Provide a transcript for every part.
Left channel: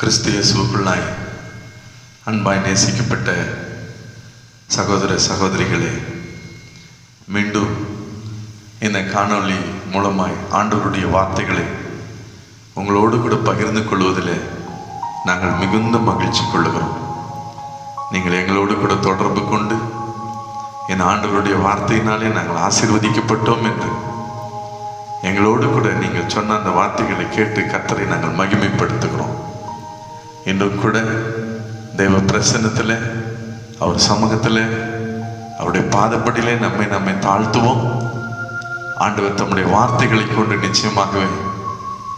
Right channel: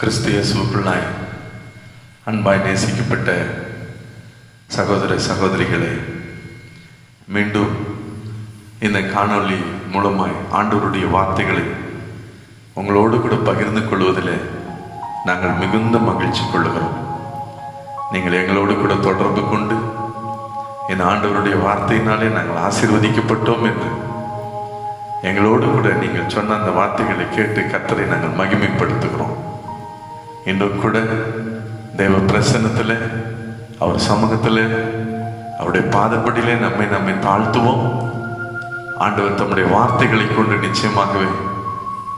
கிறிஸ்து இயேசுவுக்குள்ளாய் அன்பாய் நேசிக்கப்பட்ட சகோதர சகோதரிகளே, மீண்டும் இந்த காணொளி மூலமாய் ஆண்டவருடைய வார்த்தைகளை உங்களோடு கூட பகிர்ந்து கொள்வதில் நாங்கள் மிகுந்த மகிழ்ச்சி கொள்ளுகிறோம். நீங்கள் எங்களோடு கூட தொடர்பு கொண்டு இந்த ஆண்டவருடைய வார்த்தையினாலே நாங்கள் ஆசீர்வதிக்கப்பட்டோம் என்று எங்களோடு கூட நீங்கள் சொன்ன அந்த வார்த்தைகளை கேட்டு கர்த்தரை நாங்கள் மகிமைப்படுத்துகிறோம். இன்றும் கூட தேவ பிரசன்னத்தில், அவர் சமூகத்தில், அவருடைய பாதப்படியிலே நம்மை தாழ்த்துவோம். ஆண்டவர் தம்முடைய வார்த்தைகளை கொண்டு நிச்சயமாகவே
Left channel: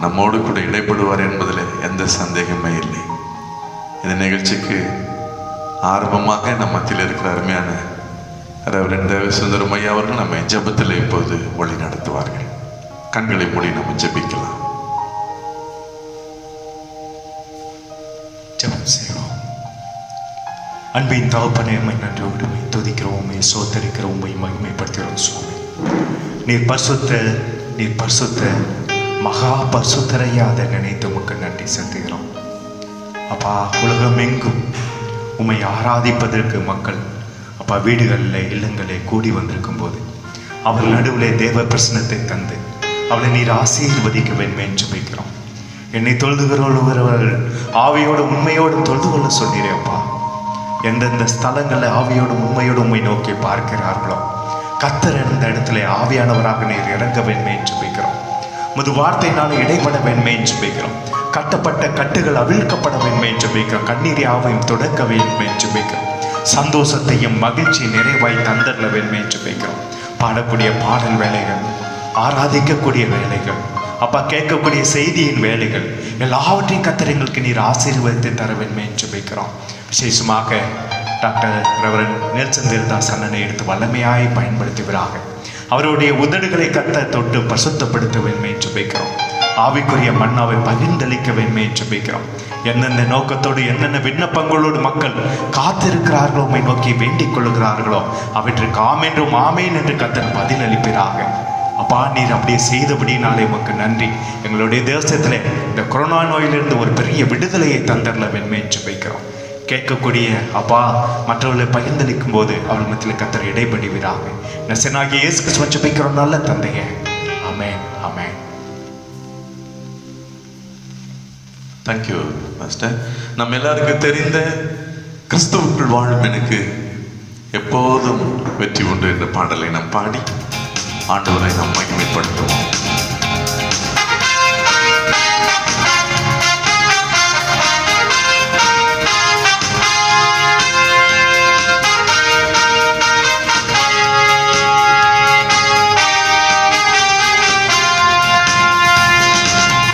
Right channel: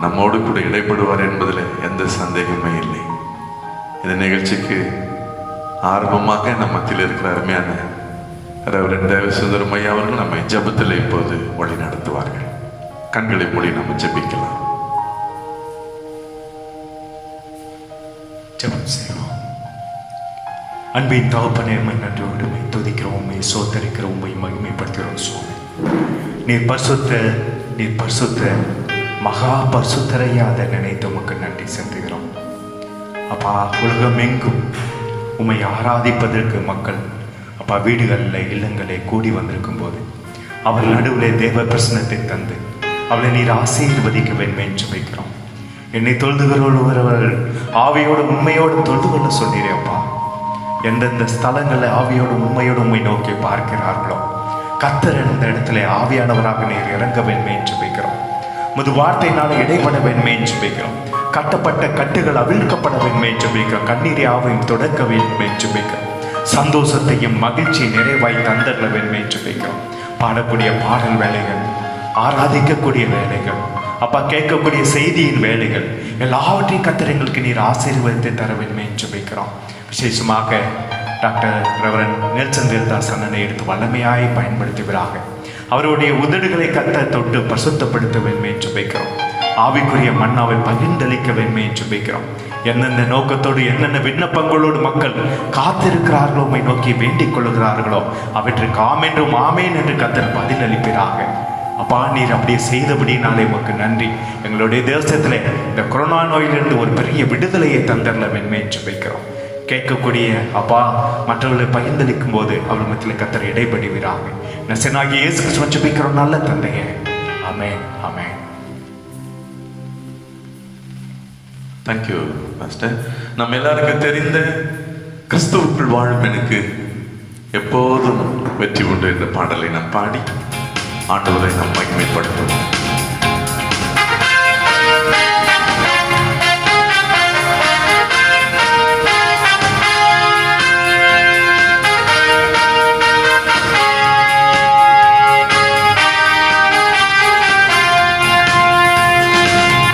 நம்மோடு கூட இடைப்படுவார் என்பதில் எந்த சந்தேகமே இல்லை. இந்த நிகழ்ச்சிக்கு ஆரம்பமாக நம் மத்தியில் இருக்கிற அருமையான ரெவரண்ட் தேவசுந்தரம் ஐயா அவர்கள் நம்மை ஜெபத்தில் இப்போது வழி நடத்துவார்கள். கண்களை மூடி நம்ம ஜெபிக்கலாம். ஜெபம் செய்வோம். அன்பின் தகப்பனே, நன்றியோடு துதிக்கிறோம், சோதரிக்கிறோம், மகிமைப்படுத்துகிறோம். சுவாமி, நீர் பரிசுத்த மகா பரிசுத்தரையா அதை நினைத்து உமக்கு நன்றி செலுத்துகிறோம். அப்பா, உலகம் எங்கும் உம்மை ஆராதிப்பதற்கு மக்கள் அப்பா வீடுகளில் இல்லங்களில் கூடி வந்திருக்கும் போது அவர்கள் நடுவிலே தேவ பிரசனத்தை தந்து அவளை நீர் ஆசீர்வதிக்க வேண்டும் என்று வைக்கிறோம். என்னை தொழுது கொள்ளுகிறவர்கள் ஆவியோடு உண்மையோடு தொழுது கொள்ள சொல்கிறேன்ப்பா. எந்தெந்த ஸ்தலங்களில் ஆவியோடு உண்மையோடு உண்மை நோக்கி பார்க்கிறார்களோ கர்த்தர் இருந்த இடத்துல ஆவியானவராக நீர் இறங்க வேண்டும் என்று வைக்கிறோம். முது வார்த்தையினால இடைப்பட வேண்டும் என்று வைக்கிறோம். கட்டப்பட்ட கட்டுகள் அவிழ்க்கப்பட வேண்டும் என்று வைக்கிறோம். கண்ணீரை ஆவையும் தொடக்க வேண்டும் என்று வைக்கிறோம். சந்தோஷத்தையும் மகிழ்ச்சி நிறைவாய் தந்தர வேண்டும் என்று வைக்கிறோம். பாடக்கூடிய பாடல் வேலைகள், ஆராதிக்கக்கூடிய வேலைகள், அப்பா கேட்கக்கூடிய செய்தியின் வேலைகள் எல்லாவற்றையும் கர்த்தர் எங்களுக்கு நீர் ஆசீர்வாதத்தை தர வேண்டும் என்று வைக்கிறோம். விசேஷமாக டாக்டர் ரெவரண்ட் நெல்சன் தேவதாஸ் அண்ணனை எடுத்து வல்லமையாய் பயன்படுத்துகிறார்கள். அவருடைய உதடுகளை கர்த்தர் தொட்டு பரிசுத்தப்படுத்த வேண்டும் என்று வைக்கிறோம். ஆவிக்குரிய மன்னாவை பகிர்ந்தளிக்க வேண்டும் என்று வைக்கிறோம். எந்தெந்த நோக்கத்தோடு என்னென்ன விண்ணப்பங்களோடு மக்கள் காத்திருக்கிறார்களோ, உம்மை நோக்கி வேண்டிக் கொள்ளுகிறார்களோ அவற்றுக்கு ஆமென்றும் ஆமேன் என்று கர்த்தர் பதில் அளிக்கிறார்கள். அப்பா, நீர் அப்படியே செய்தபடினாலே உமக்கு நன்றி. எங்களுடைய தேசத்தில் இந்த கொரோனா நோயிலிருந்து ஒரு பெரிய விடுதலையை தந்தரல வேண்டும் என்று வைக்கிறோம். கேட்கக்கூடிய அப்பா மற்றவர்களை பகிர்ந்தளிக்கும் போது அவர்கள் மத்தியில் கர்த்தர் இடைபடுகிறார்கள். நசனாகிய இயேசு கிறிஸ்துவை ஜெபிக்கிறோம் நல்ல தந்தையே, ஆமென், ஆமென். Thank you master. நம்ம எல்லாருக்கும் தெரிந்த கிறிஸ்துவுக்குள் வாழும் எனக்கு எப்போதும் வெற்றி உண்டு என்ற பாடலை நாம் பாடி ஆண்டவரை நாம் மகிமைப்படுத்துவோம்.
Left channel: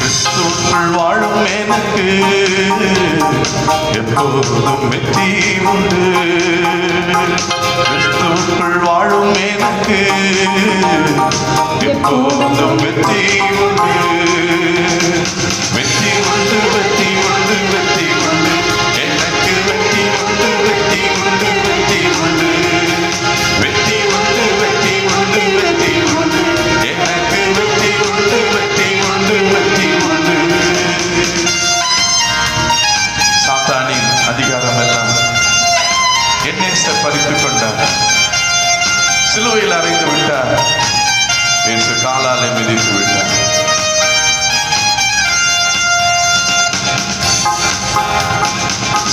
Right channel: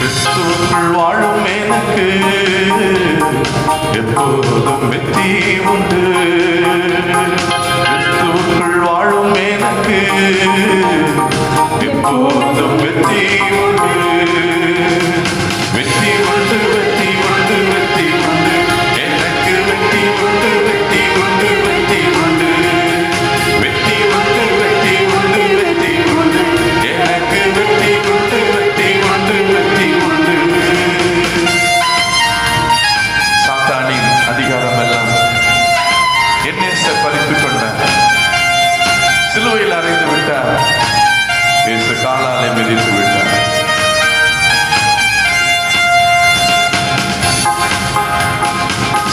கிறிஸ்துவுக்குள் வாழும் எனக்கு எப்போதும் வெற்றி உண்டு. கிறிஸ்துவுக்குள் வாழும் எனக்கு எப்போதும் வெற்றி உண்டு. வெற்றி உண்டு, வெற்றி உண்டு, வெற்றி உண்டு, எனக்கு வெற்றி உண்டு, வெற்றி உண்டு, வெற்றி உண்டு, வெற்றி உண்டு, வெற்றி உண்டு, வெற்றி உண்டு, எனக்கு வெற்றி உண்டு, வெற்றி உண்டு, வெற்றி உண்டு. சாத்தானின் அதிகாரம் எல்லாம் என்னை பறித்துக் கொண்டார், சிலுவையில் அறைந்து விட்டார், இயேசு காலாலை மிதித்து விட்டார்.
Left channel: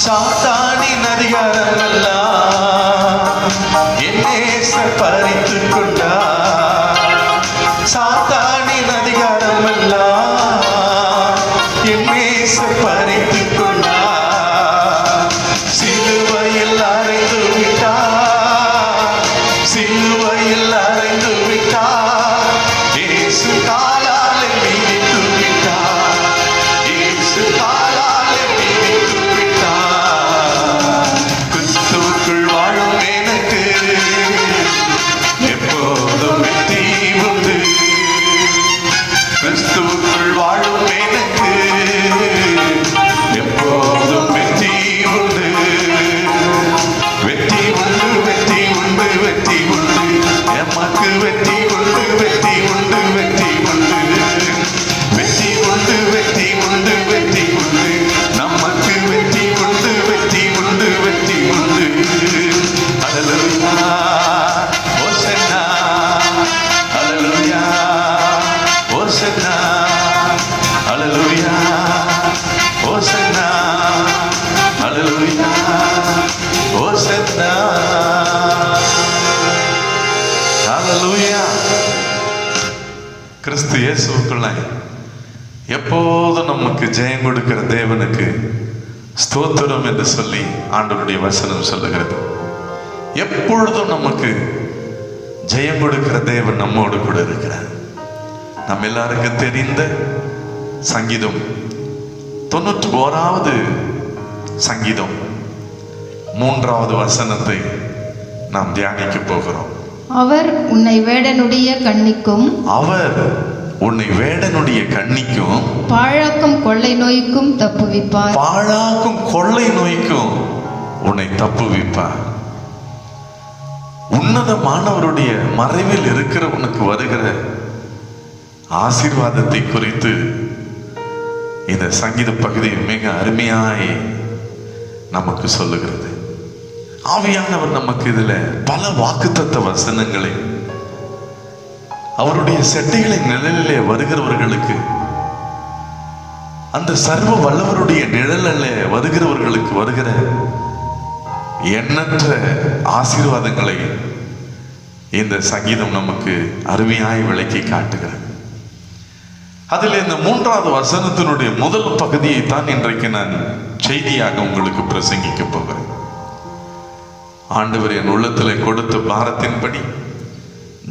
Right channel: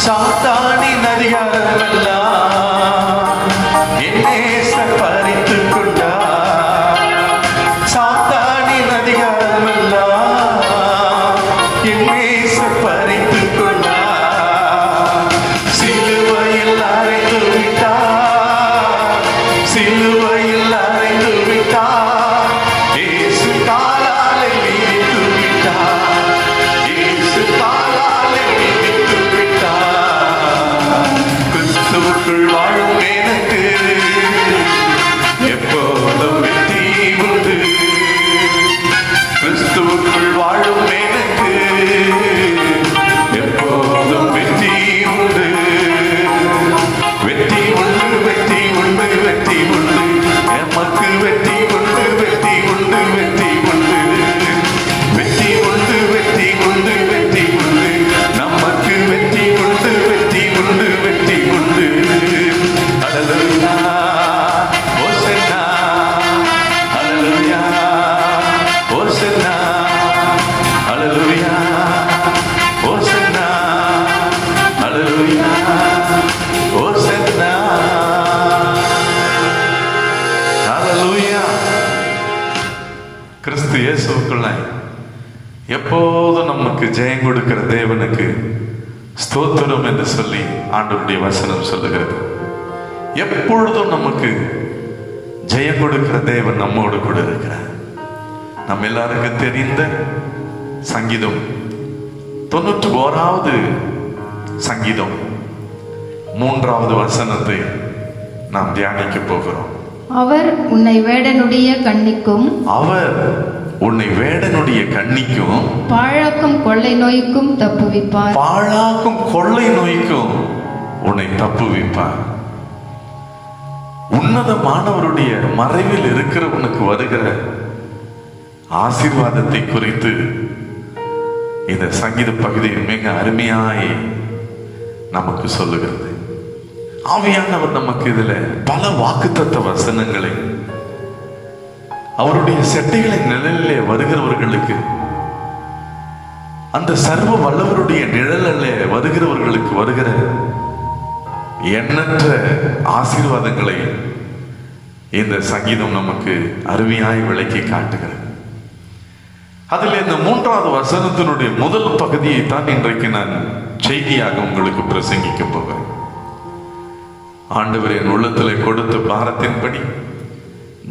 சாத்தானின் அதிகாரம் எல்லாம் என்னை பறித்துக் கொண்டார். சாத்தானின் அதிகாரம் எல்லாம் என்னை பறித்துக் கொண்டார். சிலுவையில் அறைந்து விட்டார், சிலுவையில் அறைந்து விட்டார், இயேசு காலாலை மிதித்து விட்டார், இயேசு காலாலை மிதித்து விட்டார். கிறிஸ்துவுக்குள் வாழும் எனக்கு எப்போதும் வெற்றி உண்டு. கிறிஸ்துவுக்குள் வாழும் எனக்கு எப்போதும் நமக்கு ஜெயம் கொடுக்கிற தேவனுக்கு ஸ்தோத்திரம் என்று சொல்லி ஆண்டவருடைய வசனம் சொல்லுகிறது. எப்பொழுதும் நமக்கு ஜெயம் கொடுக்கிற தேவன் நம்மோடு கூட இருக்கிறார். நம்ம எல்லாருக்கும் தெரிந்த சங்கீதம் 91வது சங்கீதம் 3வது வசனத்தை நாம் தியானிக்க போகிறோம். அவர் உன்னை வேடனுடைய கண்ணிக்கும் பாழாக்கும் கொள்ளை நோய்க்கும் தப்புவிப்பார். பாழாக்கும் கொள்ளை நோய்க்கும் உன்னை தப்புவிப்பார். உன்னதமானவருடைய மறைவில் இருக்கிறவனுக்கு வருகிற ஆசீர்வாதத்தை குறித்து இந்த சங்கீத பகுதியில் மிக அருமையாய் நமக்கு சொல்லுகிறது. ஆவியானவர் நமக்கு இதுல பல வாக்குத்தத்த வசனங்களை அவருடைய செட்டைகளின் நிழலிலே வருகிறவர்களுக்கு, அந்த சர்வ வல்லவருடைய நிழலிலே வருகிறவர்களுக்கு வருகிற எண்ணற்ற ஆசீர்வாதங்களை இந்த சங்கீதம் நமக்கு அருமையாய் விளக்கி காட்டுகிறது. அதில் இந்த 3வது வசனத்தினுடைய முதல் பகுதியை தான் இன்றைக்கு நான் செய்தியாக உங்களுக்கு பிரசங்கிக்க போகிறேன். ஆண்டவர் என் உள்ளத்திலே கொடுத்த பாரத்தின்படி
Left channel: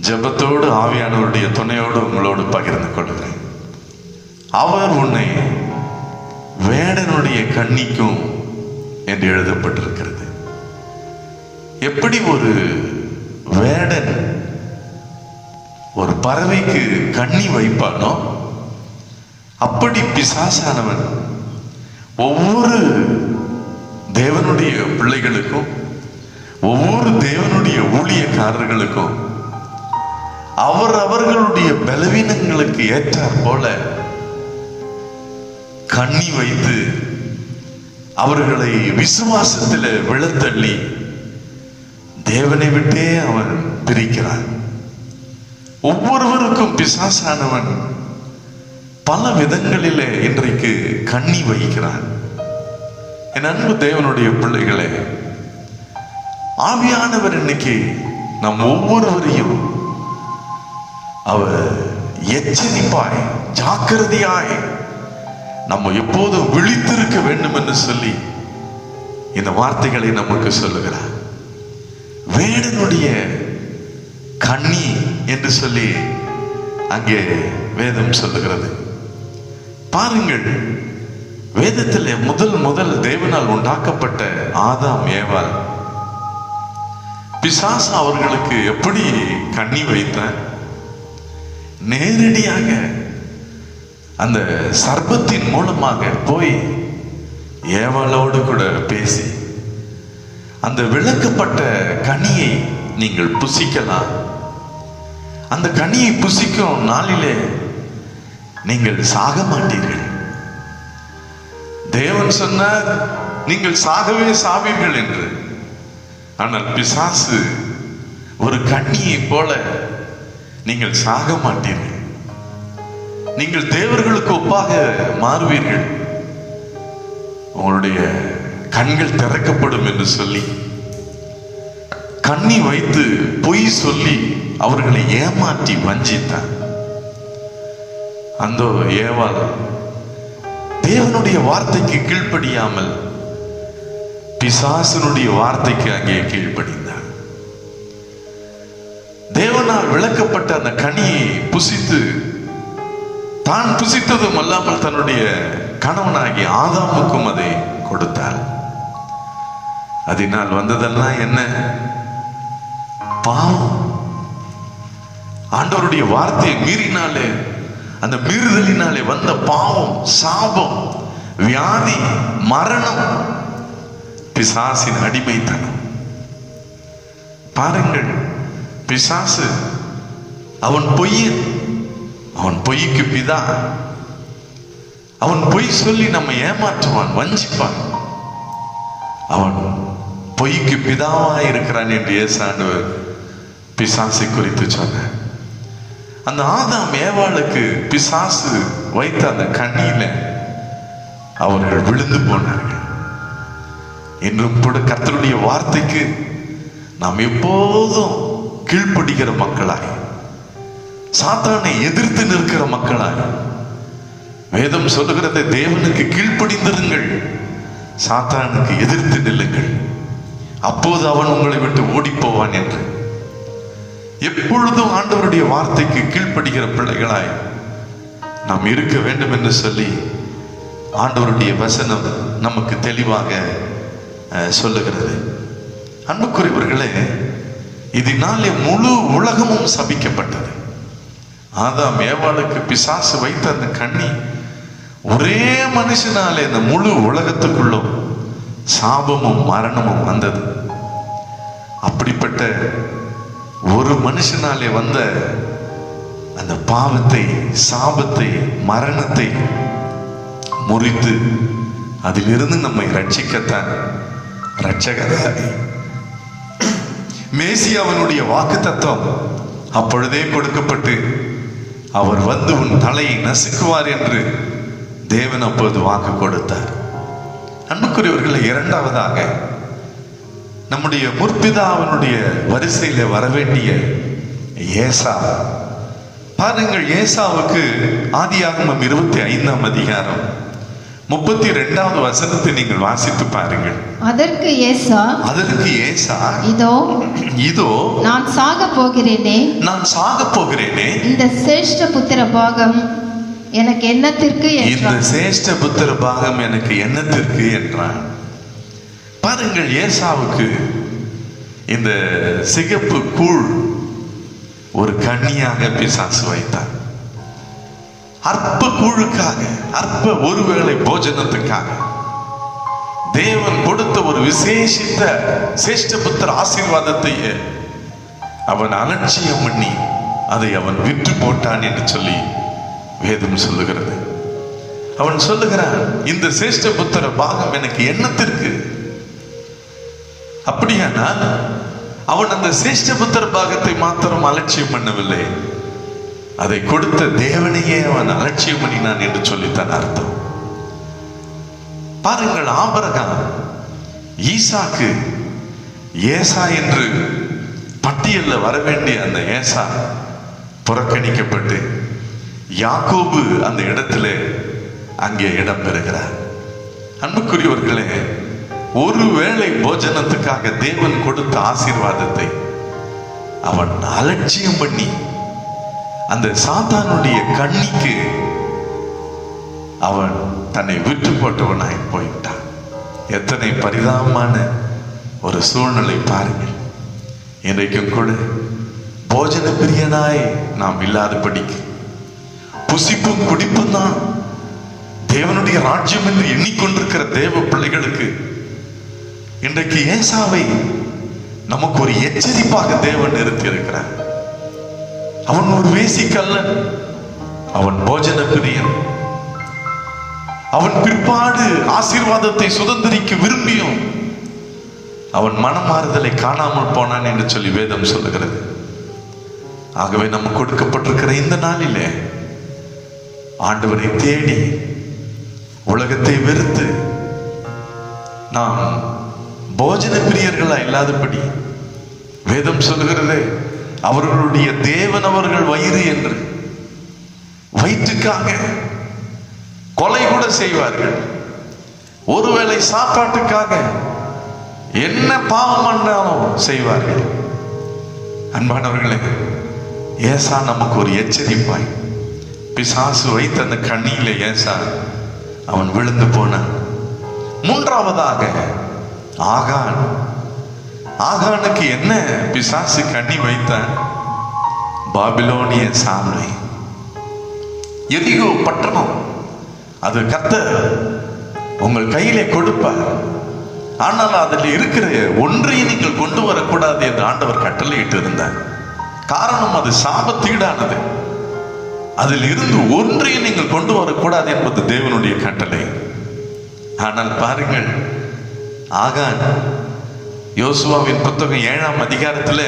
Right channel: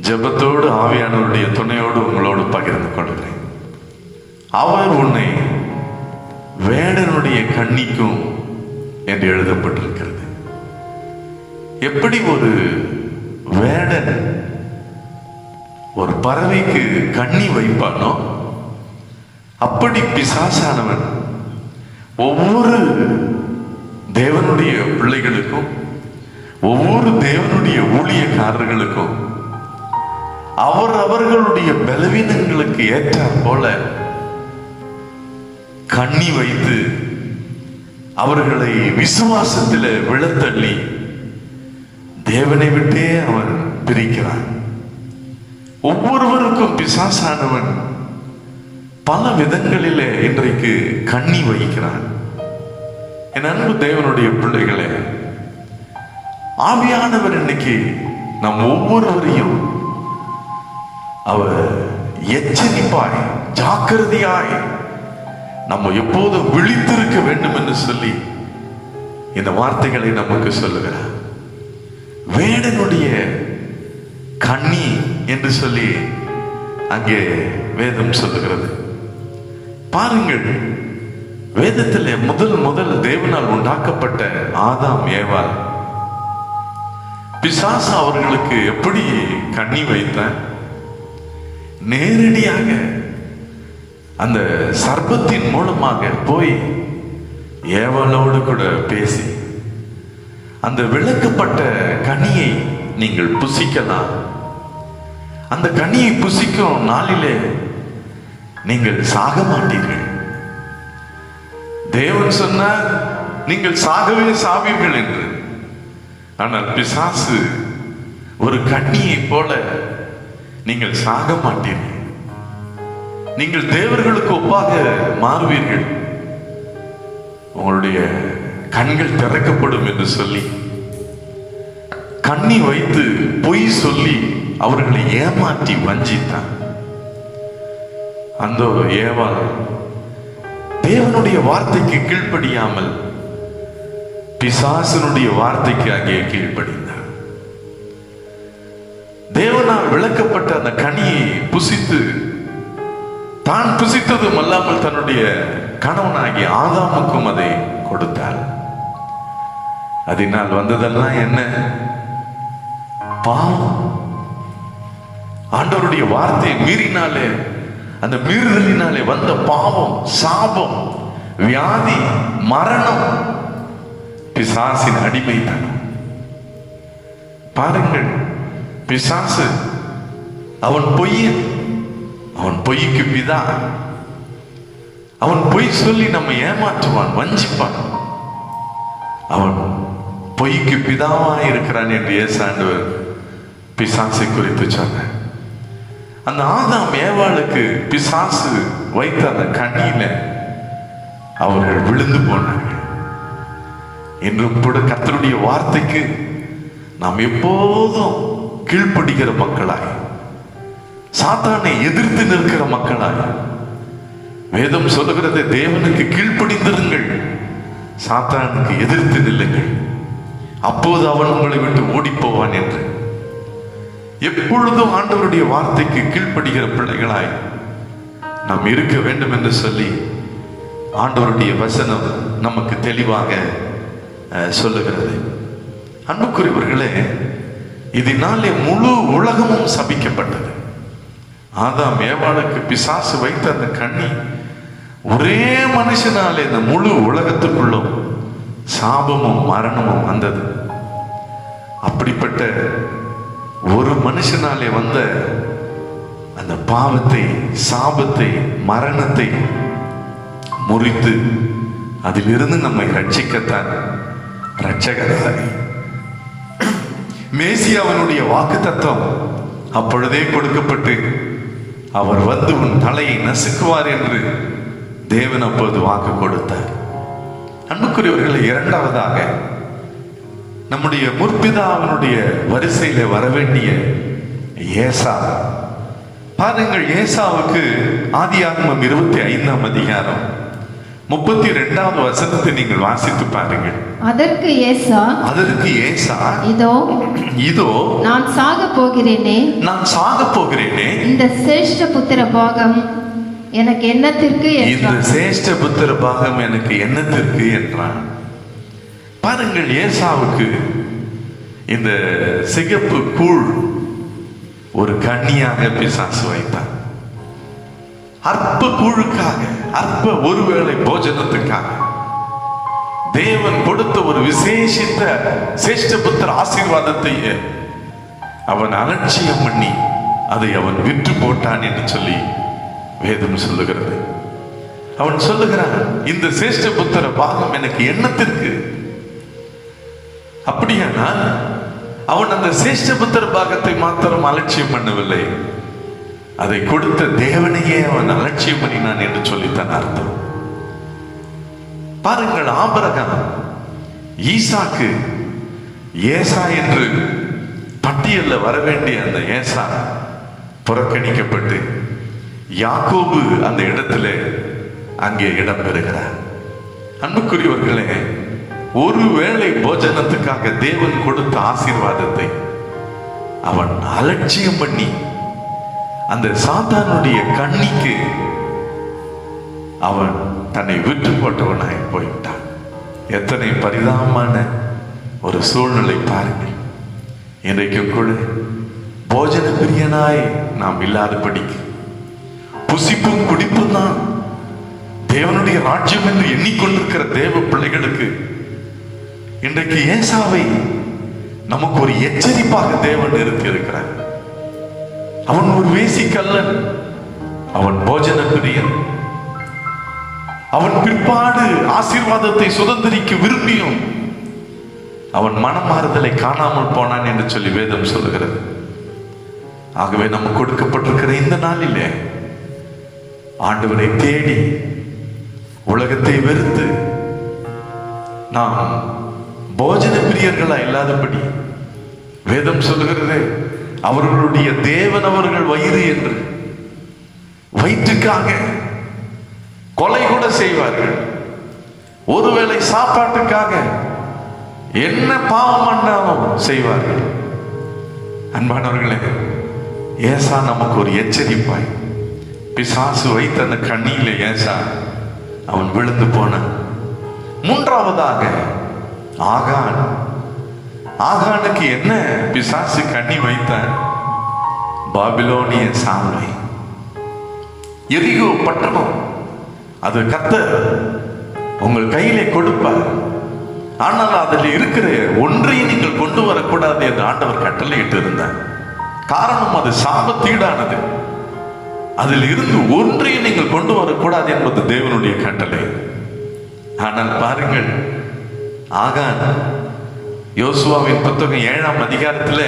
ஜெபத்தோடு ஆவியானவருடைய துணையோடு உங்களோடு பகிர்ந்து கொள்கிறேன். அவர் உன்னை வேடனுடைய கண்ணிக்கும் என்று எழுதப்பட்டிருக்கிறது. எப்படி ஒரு வேடன் ஒரு பறவைக்கு கண்ணி வைப்பானோ அப்படி பிசாசானவன் ஒவ்வொரு தேவனுடைய பிள்ளைகளுக்கும், ஒவ்வொரு தேவனுடைய ஊழியக்காரர்களுக்கும் அவர்களுடைய பலவீனங்களுக்கு ஏற்ற போல கண்ணி வைத்து அவர்களை விசுவாசத்தில் விழத்தள்ளி தேவனை விட்டே அவன் பிரிக்கிறான். ஒவ்வொருவருக்கும் பிசாசானவன் பல விதங்களிலே இன்றைக்கு கண்ணி வைக்கிறான். என் அன்பு தேவனுடைய பிள்ளைகளே, ஆவியானவர் இன்னைக்கு நம் ஒவ்வொருவரையும் அவர் எச்சரிப்பாய், ஜாக்கிரதையாய் நம்ம எப்போதும் விழித்திருக்க வேண்டும் என்று சொல்லி இந்த வார்த்தைகளை நமக்கு சொல்லுகிறார். வேடனுடைய கண்ணி என்று சொல்லி அங்கே வேதம் சொல்லுகிறது. பாருங்கள், வேதத்தில் முதல் தேவனால் உண்டாக்கப்பட்ட ஆதாம் ஏவாள் பிசாசு அவர்களுக்கு எப்படி கண்ணி வைத்த, நேரடியாக அந்த சர்ப்பத்தின் மூலமாக போய் ஏவாளோடு கூட பேசி அந்த விளக்கப்பட்ட கனியை நீங்கள் புசிக்கலாம், அந்த கனியை புசிக்கும் நாளிலே நீங்கள் சாக மாட்டீர்கள். தேவன் சொன்னார் நீங்கள் சாகவே சாவீர்கள் என்று. ஆனால் பிசாசு ஒரு கண்ணியை போல நீங்கள் சாக மாட்டீர்கள், நீங்கள் தேவர்களுக்கு ஒப்பாக மாறுவீர்கள், உங்களுடைய கண்கள் திறக்கப்படும் என்று சொல்லி கண்ணி வைத்து பொய் சொல்லி அவர்களை ஏமாற்றி வஞ்சித்தார். அந்த ஏவாள் தேவனுடைய வார்த்தைக்கு கீழ்ப்படியாமல் பிசாசனுடைய வார்த்தைக்கு அங்கே கீழ்ப்படிந்தார். தேவனால் விளக்கப்பட்ட அந்த கனியை புசித்து தான் புசித்ததும் அல்லாமல் தன்னுடைய கணவனாகிய ஆதாமுக்கும் அதை கொடுத்தார். அதனால் வந்ததெல்லாம் என்ன? பாவம். ஆண்டவருடைய வார்த்தையை மீறினாலே, அந்த மீறுதலினாலே வந்த பாவம், சாபம், வியாதி, மரணம், பிசாசின் அடிமைத்தனம். பாருங்கள், பிசாசு அவன் பொய்யன், அவன் பொய்க்கு பிதா. அவன் பொய் சொல்லி நம்ம ஏமாற்றுவான், வஞ்சிப்பான். அவன் பொய்க்கு பிதாவாய் இருக்கிறான் என்று இயேசு ஆண்டவர் பிசாசை குறித்து சொன்னார். அந்த ஆதாம் ஏவாளுக்கு பிசாசு வைத்த அந்த கண்ணியில அவர்கள் விழுந்து போனார்கள். இன்றும் கூட கர்த்தருடைய வார்த்தைக்கு நாம் எப்போதும் கீழ்ப்படுகிற மக்களாய், சாத்தானை எதிர்த்து நிற்கிற மக்களாய் வேதம் சொல்லுகிறது, தேவனுக்கு கீழ்ப்படிந்திருங்கள், சாத்தானுக்கு எதிர்த்து நில்லுங்கள், அப்போது அவன் உங்களை விட்டு ஓடி போவான் என்று. எப்பொழுதும் ஆண்டவருடைய வார்த்தைக்கு கீழ்ப்படுகிற பிள்ளைகளாய் நாம் இருக்க வேண்டும் என்று சொல்லி ஆண்டவருடைய வசனம் நமக்கு தெளிவாக சொல்லுகிறது. அன்புக்குரியவர்களே, இதனாலே முழு உலகமும் சபிக்கப்பட்டது. ஆதாம் ஏவாளுக்கு பிசாசு வைத்த அந்த கண்ணி ஒரே மனுஷனாலே இந்த முழு உலகத்துக்குள்ளும் சாபமும் மரணமும் வந்தது. அப்படிப்பட்ட ஒரு மனுஷனாலே வந்த அந்த பாவத்தை, சாபத்தை, மரணத்தை முறித்து அதிலிருந்து நம்மை ரட்சிக்கத்தான் ரட்சகராக மேசியாவினுடைய வாக்கு தத்துவம் அப்பொழுதே கொடுக்கப்பட்டு, அவர் வந்து உன் தலையை நசுக்குவார் என்று தேவன் அப்போது வாக்கு கொடுத்தார். அன்புக்குரியவர்களை, இரண்டாவதாக நம்முடைய முற்பிதாவினுடைய வரிசையில வரவேண்டிய ஏசா. பாருங்கள், ஏசாவுக்கு ஆதியாகமம் 25ஆம் அதிகாரம் 32வது வசனத்தை நீங்கள் வாசித்து பாருங்கள். அதற்கு ஏசா இதோ நான் சாக போகிறேனே, இந்த சிரேஷ்ட புத்திர பாகம் எனக்கு என்னத்திற்கு என்றான். பாருங்கள், ஏசாவுக்கு இந்த சிகப்பு கூழ் ஒரு கன்னியாக பிசாசு வைத்தான். அற்ப கூழுக்காக, அற்ப ஒருவேளை போஜனத்துக்காக தேவன் கொடுத்த ஒரு விசேஷித்த சிரேஷ்ட புத்திர ஆசீர்வாதத்தை அவன் அலட்சியம் பண்ணி அதை அவன் விற்று போட்டான் என்று சொல்லி வேதம் சொல்லுகிறது. அவன் சொல்லுகிறான், இந்த சிரேஷ்ட புத்திர பாகம் எனக்கு என்னத்திற்கு? அப்படியானா அவன் அந்த சிரேஷ்ட புத்திர பாகத்தை மாத்திரம் அலட்சியம் பண்ணவில்லை, அதை கொடுத்த தேவனையே அவன் அலட்சியம் பண்ணினான் என்று சொல்லித்தான் அர்த்தம். பாருங்கள், ஆபிரகாம், ஈசாக்கு, ஏசா என்று பட்டியலில் வர வேண்டிய அந்த ஏசா புறக்கணிக்கப்பட்டு யாக்கோபு அந்த இடத்துல அங்கே இடம் பெறுகிறார். அன்புக்குரியவர்களே, ஒருவேளை போஜனத்துக்காக தேவன் கொடுத்த ஆசீர்வாதத்தை அவன் அலட்சியம் பண்ணி அந்த சாத்தானுடைய கண்ணிக்கு அவன் தன்னை விட்டு போட்டவனாய் போய்விட்டான். எத்தனை பரிதாபமான ஒரு சூழ்நிலை பாருங்கள். இன்றைக்கும் கூட போஜன பிரியனாய் நாம் இல்லாதபடிக்கு, புசிப்பும் குடிப்பும் தான் தேவனுடைய ராஜ்யம் என்று எண்ணிக்கொண்டிருக்கிற தேவ பிள்ளைகளுக்கு இன்றைக்கு ஏசாவை நமக்கு ஒரு எச்சரிப்பாக தேவன் நிறுத்தி இருக்கிறார். அவன் ஒரு வேசிக்கல்லன், அவன் போஜன பிரியன், அவன் பிற்பாடு ஆசீர்வாதத்தை சுதந்திரிக்க விரும்பியும் அவன் மனமாறுதலை காணாமல் போனான் என்று சொல்லி வேதம் சொல்லுகிறது. ஆகவே நமக்கு கொடுக்கப்பட்டிருக்கிற இந்த நாளிலே ஆண்டவரை தேடி உலகத்தை வெறுத்து நாம் போஜன பிரியர்களா இல்லாதபடி, வேதம் சொல்லுகிறது, அவர்களுடைய தேவன் அவர்கள் வயிறு என்று வயிற்றுக்காக கொலை கூட செய்வார்கள். ஒருவேளை சாப்பாட்டுக்காக என்ன பாவம் பண்ணாலும் செய்வார்கள். அன்பானவர்களே, ஏசா நமக்கு ஒரு எச்சரிப்பாய். பிசாசு வைத்த அந்த கண்ணியில ஏசா அவன் விழுந்து போனான். மூன்றாவதாக ஆகானுக்கு என்ன பிசாசு கண்ணி வைத்தான்? பாபிலோனிய சாமை, எரிகோ பட்டணம். அது கர்த்தர் உங்கள் கையிலே கொடுப்பார், ஆனால் அதில் இருக்கிற ஒன்றையும் நீங்கள் கொண்டு வரக்கூடாது என்று ஆண்டவர் கட்டளையிட்டு இருந்தார். காரணம், அது சாபத்தீடானது. அதில் இருந்து ஒன்றையும் நீங்கள் கொண்டு வரக்கூடாது என்பது தேவனுடைய கட்டளை. ஆனால் பாருங்கள், ஆகான் யோசுவாவின் புத்தகம் 7ஆம் அதிகாரத்தில்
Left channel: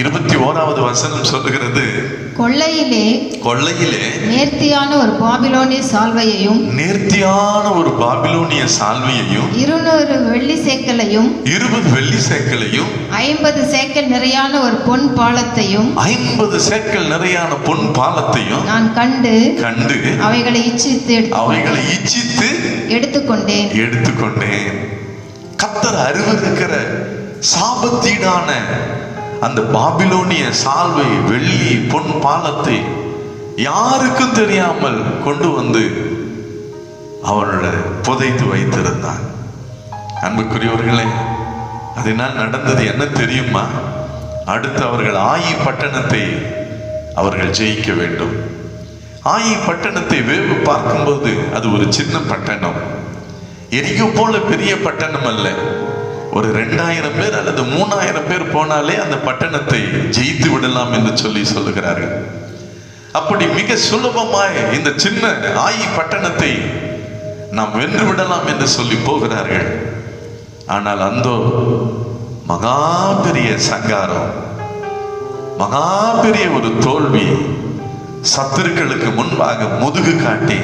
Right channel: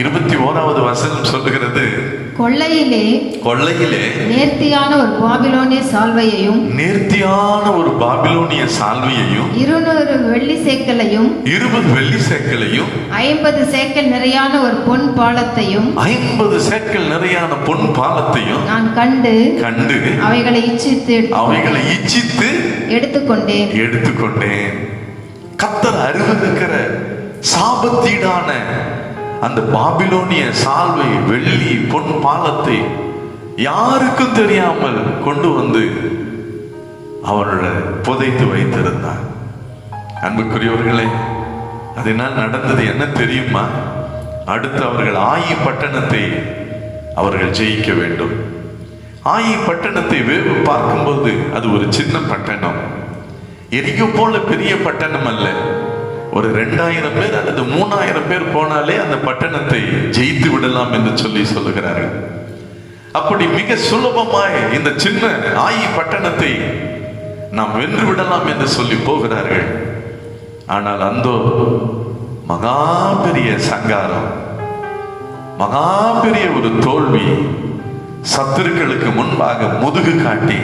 21வது வசனம் சொல்லுகிறது, கொள்ளையிலே நேர்த்தியான ஒரு பாபிலோனிய சால்வையையும் 200 வெள்ளி சேக்கலையும் 50 சேக்கல் நிறையான ஒரு பொன் பாலத்தையும் நான் கண்டு கண்டு அவைகளை இச்சித்து எடுத்துக்கொண்டேன். கர்த்தர் அருவருக்கிற சாபத்தீடான அந்த பாபிலோனிய சால்வை, வெள்ளி, பொன் பாலத்தை யாருக்கும் தெரியாமல் கொண்டு வந்து அவனோட புதைத்து வைத்திருந்தான். அன்புக்குரியவர்களே, அதனால் நடந்தது என்ன தெரியுமா? அடுத்து அவர்கள் ஆயி பட்டணத்தை அவர்கள் ஜெயிக்க வேண்டும். ஆயி பட்டணத்தை வேவு பார்க்கும்போது அது ஒரு சின்ன பட்டணம், எரிகோ போல பெரிய பட்டணம் அல்ல. ஒரு 2000 பேர் அல்லது 3000 பேர் போனாலே அந்த பட்டணத்தை ஜெயித்து விடலாம் என்று சொல்லுகிறார்கள். அப்படி மிக சுலபமாய் இந்த சின்ன ஆயி பட்டணத்தை நாம் வென்று விடலாம் என்று சொல்லி போகிறார்கள். ஆனால் அந்தோ மகா பெரிய சங்காரம், மகா பெரிய ஒரு தோல்வி. சத்துருக்களுக்கு முன்பாக முதுகு காட்டி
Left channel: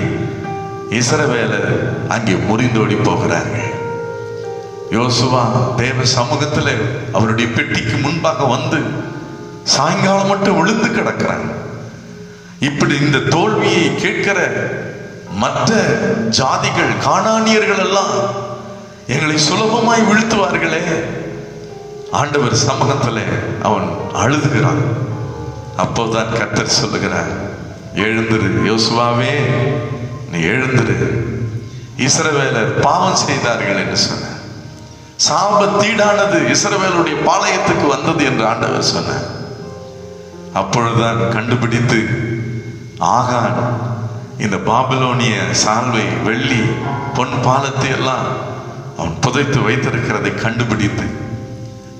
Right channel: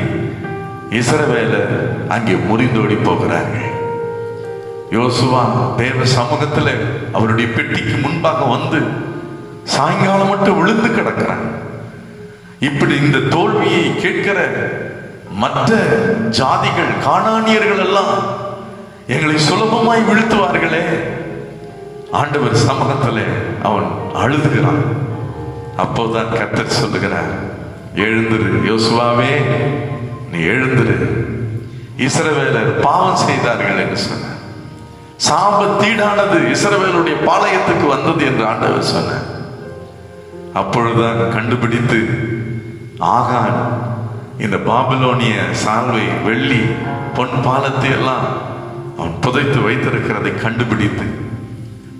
இஸ்ரவேலர் அங்கே முறிந்தோடி போகிறார்கள். யோசுவா தேவ சமூகத்தில் அவருடைய பெட்டிக்கு முன்பாக வந்து சாயங்காலம் மட்டும் விழுந்து கிடக்கிறான். இப்படி இந்த தோல்வியை கேட்கிற மற்ற ஜாதிகள், கானானியர்கள் எல்லாம் எங்களை சுலபமாய் வீழ்த்துவார்களே. ஆண்டவர் சமூகத்தில் அவன் அழுதுகிறான். அப்போதான் கர்த்தர் சொல்லுகிறார், எழுந்திரு யோசுவாவே, நீ எழுந்திரு. இஸ்ரவேலர் பாவம் செய்தார்கள் என்று சொன்னார். சாபத்தீடானது இஸ்ரவேலுடைய பாளையத்துக்கு வந்தது என்று ஆண்டவர் சொன்னார். அப்பொழுதுதான் கண்டுபிடித்து ஆகான் இந்த பாபிலோனிய சால்வை, வெள்ளி, பொன் பாலத்தை எல்லாம் அவன் புதைத்து வைத்திருக்கிறதை கண்டுபிடித்து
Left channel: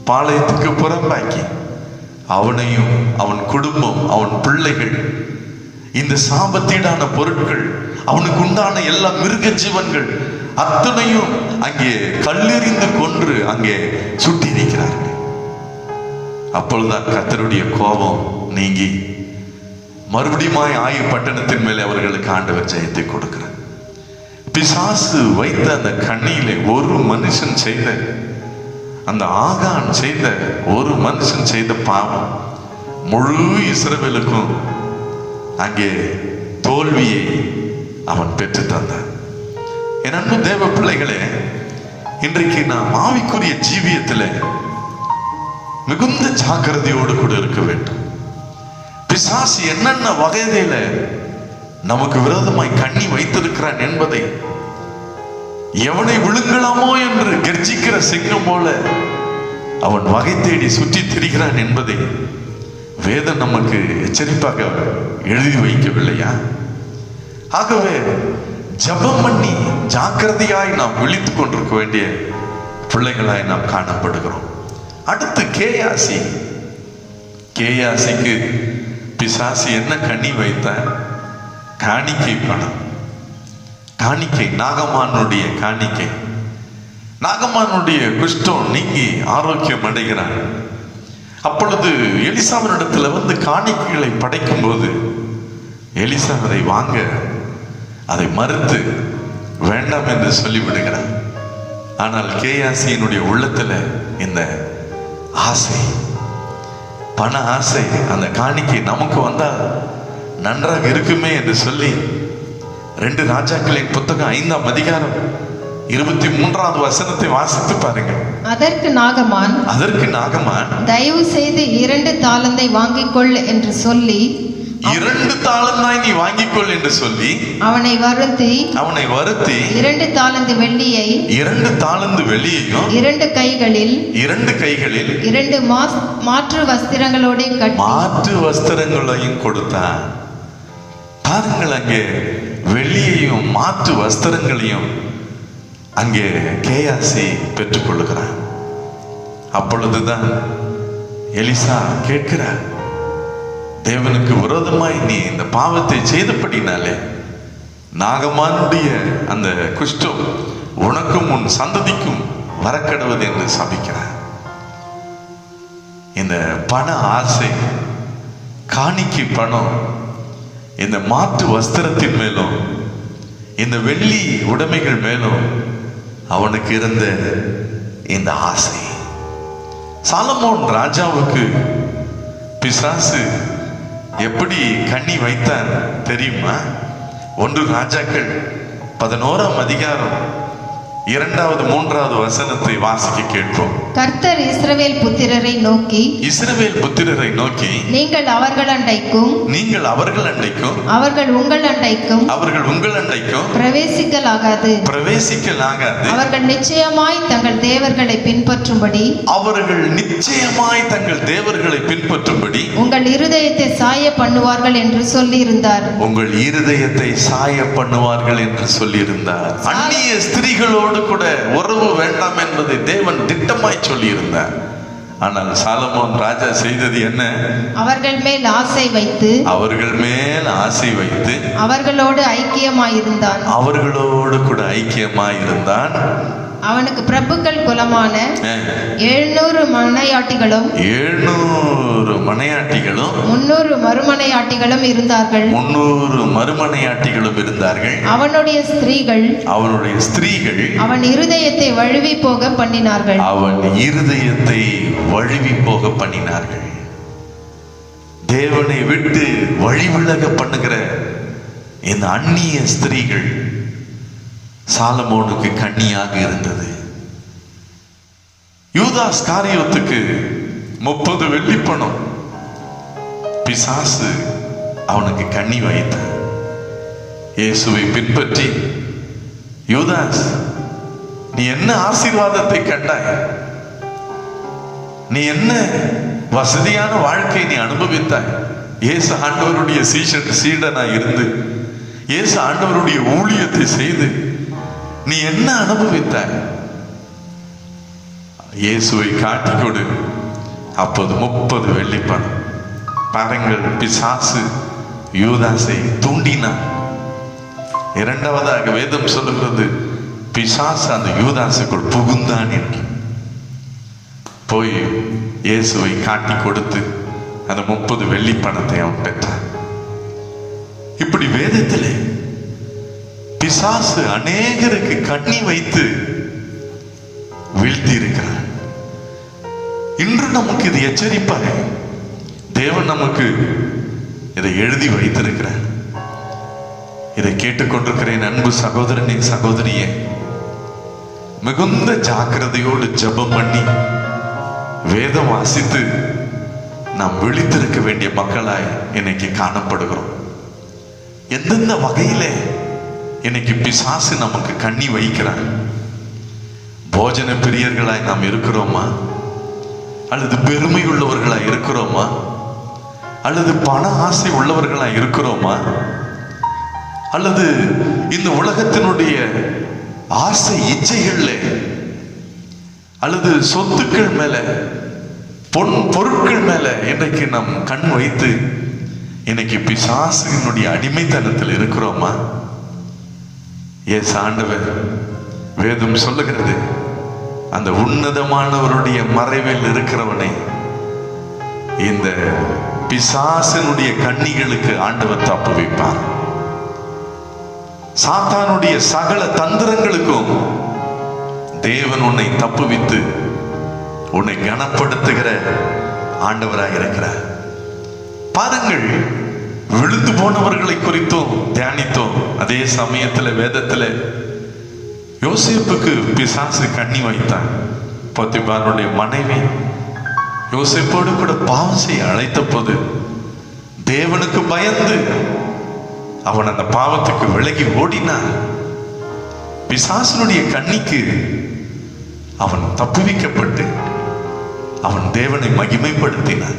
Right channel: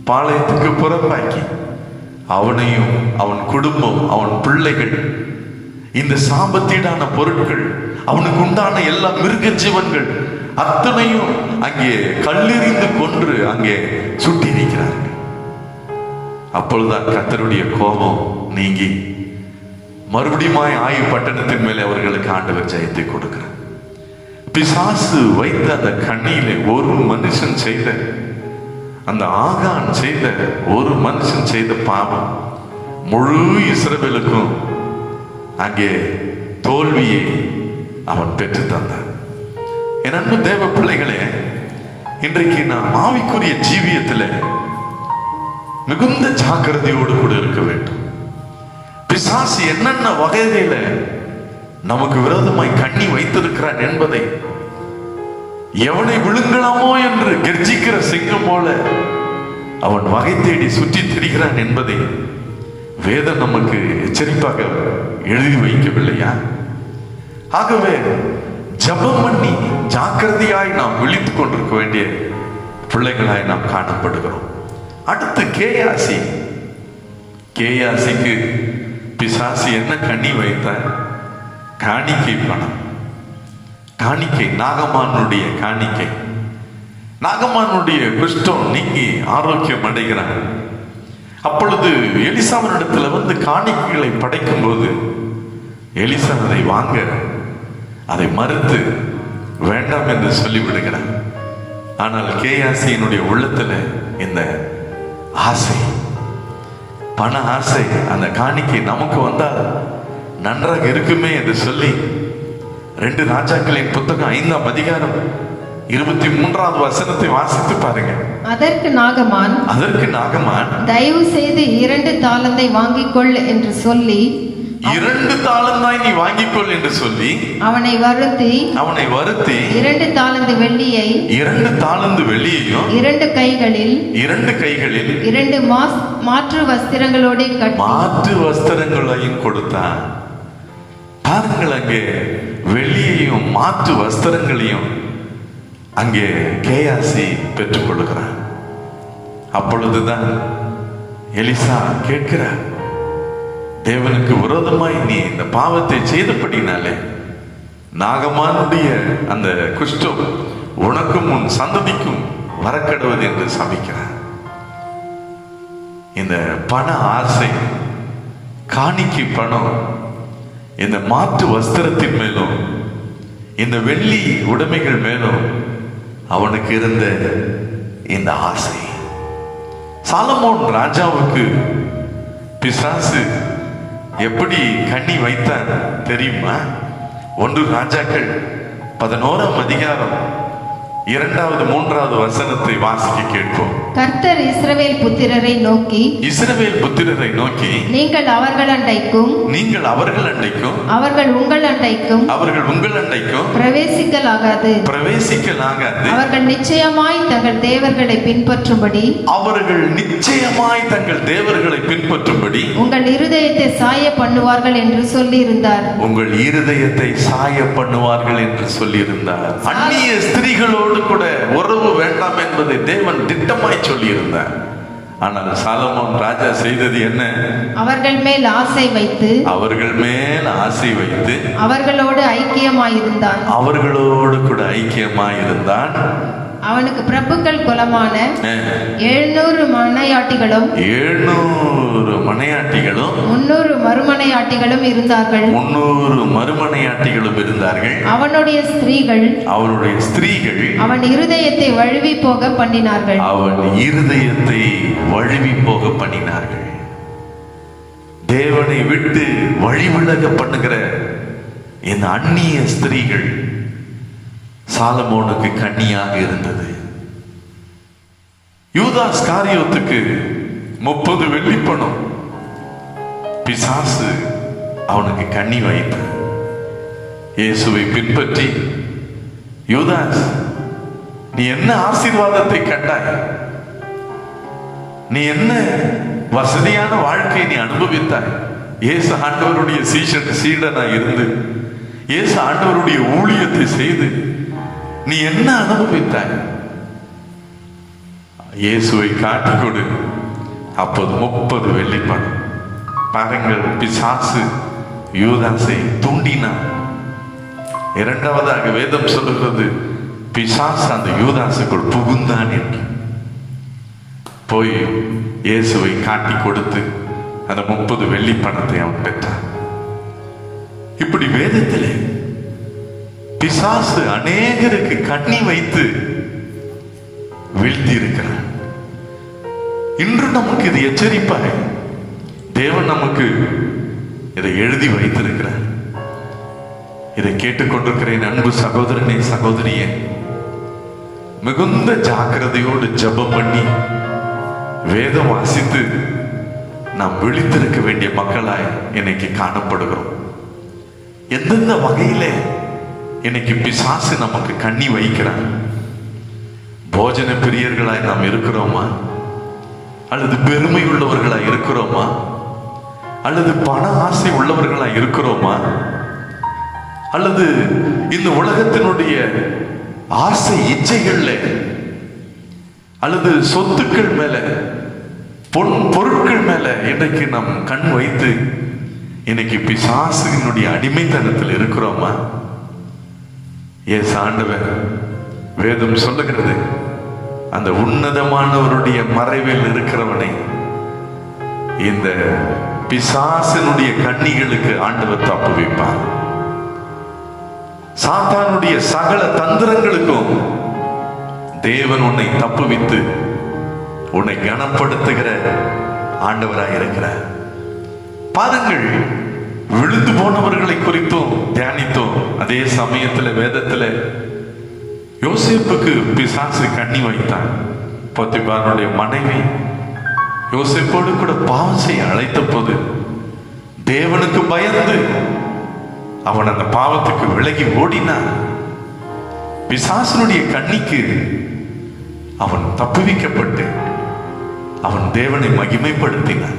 பாளையத்துக்கு புறம்பாக்கி அவனையும் அவன் குடும்பம், அவன் பிள்ளைகள், இந்த சாபத்தீடான பொருட்கள், அவனுக்கு உண்டான எல்லா மிருக ஜீவன்கள் அத்தனையும் அங்கே கல்லெறிந்து கொன்று அங்கே சுட்டி நிற்கிறார்கள். அப்பொழுதுதான் கர்த்தருடைய கோபம் நீங்கி மறுபடியும் ஆயி பட்டணத்தின் மேலே அவர்களுக்கு ஆண்டவர் ஜெயத்தை கொடுக்கிறார். பிசாசு வைத்த அந்த கண்ணியிலே ஒரு மனுஷன் செய்த, அந்த ஆகான் செய்த, ஒரு மனுஷன் செய்த பாவம் முழு இஸ்ரவேலுக்கும் அங்கே தோல்வியை அவன் பெற்று தந்தான். என் அன்பு தேவ பிள்ளைகளே, இன்றைக்கு நாம் ஆவிக்குரிய ஜீவியத்தில் மிகுந்த ஜாக்கிரதையோடு கூட இருக்க வேண்டும். பிசாசு என்னென்ன வகையில நமக்கு விரோதமாய் கண்ணி வைத்திருக்கிறான் என்பதை, எவனை விழுங்கலாமோ என்று கர்ஜிக்கிற சிங்கம் போல அவன் வகை தேடி சுற்றி திரிகிறான் என்பதை வேதம் நமக்கு எச்சரிப்பாக எழுதி வைக்கவில்லையா? ஆகவே ஜபம் பண்ணி ஜாக்கிரதையாய் நாம் விழித்துக் கொண்டிருக்க வேண்டிய பிள்ளைகளாய் நாம் காணப்படுகிறோம். அடுத்து கேயாசிக்கு பிசாசு என்ன கண்ணி வைத்த? காணிக்கை பணம், காணிக்கை, நாகமானுடைய காணிக்கை. நாகமானுடைய குஷ்டம் நீங்கி ஆரோக்கியம் அடைகிறான். அப்பொழுது எலிசாவினிடத்துல வந்து காணிக்கைகளை படைக்கும் போது எலிசா அதை வாங்க, அதை மறுத்து வேண்டாம் என்று சொல்லிவிடுகிறார். ஆனால் கேயாசியினுடைய உள்ளத்துல இந்த ஆசை, பண ஆசை, அந்த காணிக்கை நமக்கு வந்தால் நன்றாக இருக்குமே என்று சொல்லி 2 ராஜாக்களின் புத்தகம் 5ஆம் அதிகாரம் 23வது வசனத்தை வாசித்து பாருங்க. அதற்கு நாகமான் தயவு செய்து 2 தாலந்தை வாங்கிக் கொள் என்று சொல்லி 2 தாலந்தாய் நீ வாங்கிக்கொள் என்று சொல்லி அவனை வருத்தி 2 தாலந்து வெள்ளியை 2 தாலந்து வெள்ளியையும் 2 கைகளில் 2 மாற்று வஸ்திரங்களோட கட்டி மாற்று வஸ்திரங்களையும் கொடுத்தான். பாருங்கள், அங்கே வெள்ளியையும் மாற்று வஸ்திரங்களையும் அங்கே கேயாசி பெற்றுக் கொள்ளுகிறார். அப்பொழுதுதான் எலிசா கேட்கிறார், தேவனுக்கு விரோதமாய் நீ இந்த பாவத்தை செய்தபடினாலே நாகமானுடைய அந்த குஷ்டம் உனக்கும் உன் சந்ததிக்கும் வரக்கடுவது என்று சபிக்கிறார். இந்த பண ஆசை, காணிக்கை பணம், இந்த மாற்று வஸ்திரத்தின் மேலும் இந்த வெள்ளி உடைமைகள் மேலும் அவனுக்கு இருந்த இந்த ஆசை. சாலமோன் ராஜாவுக்கு பிசாசு எப்படி கண்ணி வைத்தான் தெரியுமா? 1 ராஜாக்கள் 11ஆம் அதிகாரம் 2வது 3வது வசனத்தை வாசிக்க கேட்போம். கர்த்தர் இஸ்ரவேல் புத்திரரை நோக்கி, நீங்கள் அவர்கள் அண்டைக்கும் அவர்கள் உங்கள் அண்டைக்கும் பிரவேசிக்கலாகாது. அவர்கள் நிச்சயமாய் தங்கள் தேவர்களை பின்பற்றும்படி உங்கள் இருதயத்தை சாய பண்ணுவார்கள் என்று சொல்லியிருந்தார். அந்நிய ஸ்திரீகளோடு கூட உறவு வேண்டாம் என்பதை தேவன் திட்டமாய் சொல்லியிருந்தார். ஆனால் சாலமோன் ராஜா செய்தது என்ன? அவர்கள் மேல் ஆசை வைத்து அவர்களோடு கூட ஐக்கியமாயிருந்தான். அவனுக்கு பிரபுக்கள் குலமான 700 மனையாட்டிகளும் 300 மறுமனையாட்டிகளும் இருந்தார்கள். அவனுடைய ஸ்திரீகள் அவன் இருதயத்தை வழுவி போக பண்ணினார்கள். தேவனை விட்டு வழிவிலக பண்ணுகிற இந்த அந்நிய ஸ்திரீகள் சாலமோனுக்கு கண்ணியாக இருந்தது. யூதாஸ் காரியத்துக்கு 30 வெள்ளிப்பணம் பிசாசு அவனுக்கு கண்ணி வைத்து இயேசுவை பின்பற்றி, யூதாஸ், நீ என்ன ஆசீர்வாதத்தை கண்டாய்? நீ என்ன வசதியான வாழ்க்கை நீ அனுபவித்தாய்? இயேசு ஆண்டவருடைய சீடனா இருந்து இயேசு ஆண்டவருடைய ஊழியத்தை செய்து நீ என்ன அனுபவித்தாய்? இயேசுவை காட்டிக் கொடு. அப்போது 30 வெள்ளிப்பணம். பாருங்கள், பிசாசு யூதாசை தூண்டினான். 2வதாக வேதம் சொல்லுகிறது, பிசாசு அந்த யூதாசுக்குள் புகுந்தான் என்று. போய் இயேசுவை காட்டி கொடுத்து அந்த 30 வெள்ளிப்பணத்தை அவன் பெற்றான். இப்படி வேதத்திலே பிசாசு அநேகருக்கு கண்ணி வைத்து வீழ்த்தி இருக்கிறார். இன்று நமக்கு இது எச்சரிப்பாக தேவன் நமக்கு இதை எழுதி வைத்திருக்கிறார். இதை கேட்டுக்கொண்டிருக்கிறேன் அன்பு சகோதரனே, சகோதரியே, மிகுந்த ஜாக்கிரதையோடு ஜெபம் பண்ணி வேதம் வாசித்து நாம் விழித்திருக்க வேண்டிய மக்களாய் இன்னைக்கு காணப்படுகிறோம். எந்தெந்த வகையிலே இன்னைக்கு பிசாசு நமக்கு கண்ணி வைக்கிறான்? போஜன பிரியர்களாய் நாம் இருக்கிறோமா? அல்லது பெருமை உள்ளவர்களாய் இருக்கிறோமா? அல்லது பண ஆசை உள்ளவர்களாய் இருக்கிறோமா? அல்லது இந்த உலகத்தினுடைய ஆசை இச்சைகள்ல அல்லது சொத்துக்கள் மேல, பொருட்கள் மேல இன்றைக்கு நாம் கண் வைத்து இன்னைக்கு பிசாசினுடைய அடிமைத்தனத்தில் இருக்கிறோமா? ஆண்டவர் வேதம் சொல்லுகிறது, அந்த உன்னதமானவருடைய மறைவில் இருக்கிறவனை இந்த பிசாசினுடைய கண்ணிகளுக்கு ஆண்டவர் தப்பு வைப்பார். சாத்தானுடைய சகல தந்திரங்களுக்கும் தேவன் உன்னை தப்புவித்து உன்னை கனப்படுத்துகிற ஆண்டவராக இருக்கிறார். பாருங்கள், விழுந்து போனவர்களை குறித்தும் தியானித்தோம். அதே சமயத்தில் வேதத்தில் யோசேப்புக்கு பிசாசு கண்ணி வைத்தான். போத்திபாருடைய மனைவி யோசேப்போடு கூட பாவம் செய்ய அழைத்த போது தேவனுக்கு பயந்து அவன் அந்த பாவத்துக்கு விலகி ஓடினான். பிசாசனுடைய கண்ணிக்கு அவன் தப்புவிக்கப்பட்டு அவன் தேவனை மகிமைப்படுத்தினான்.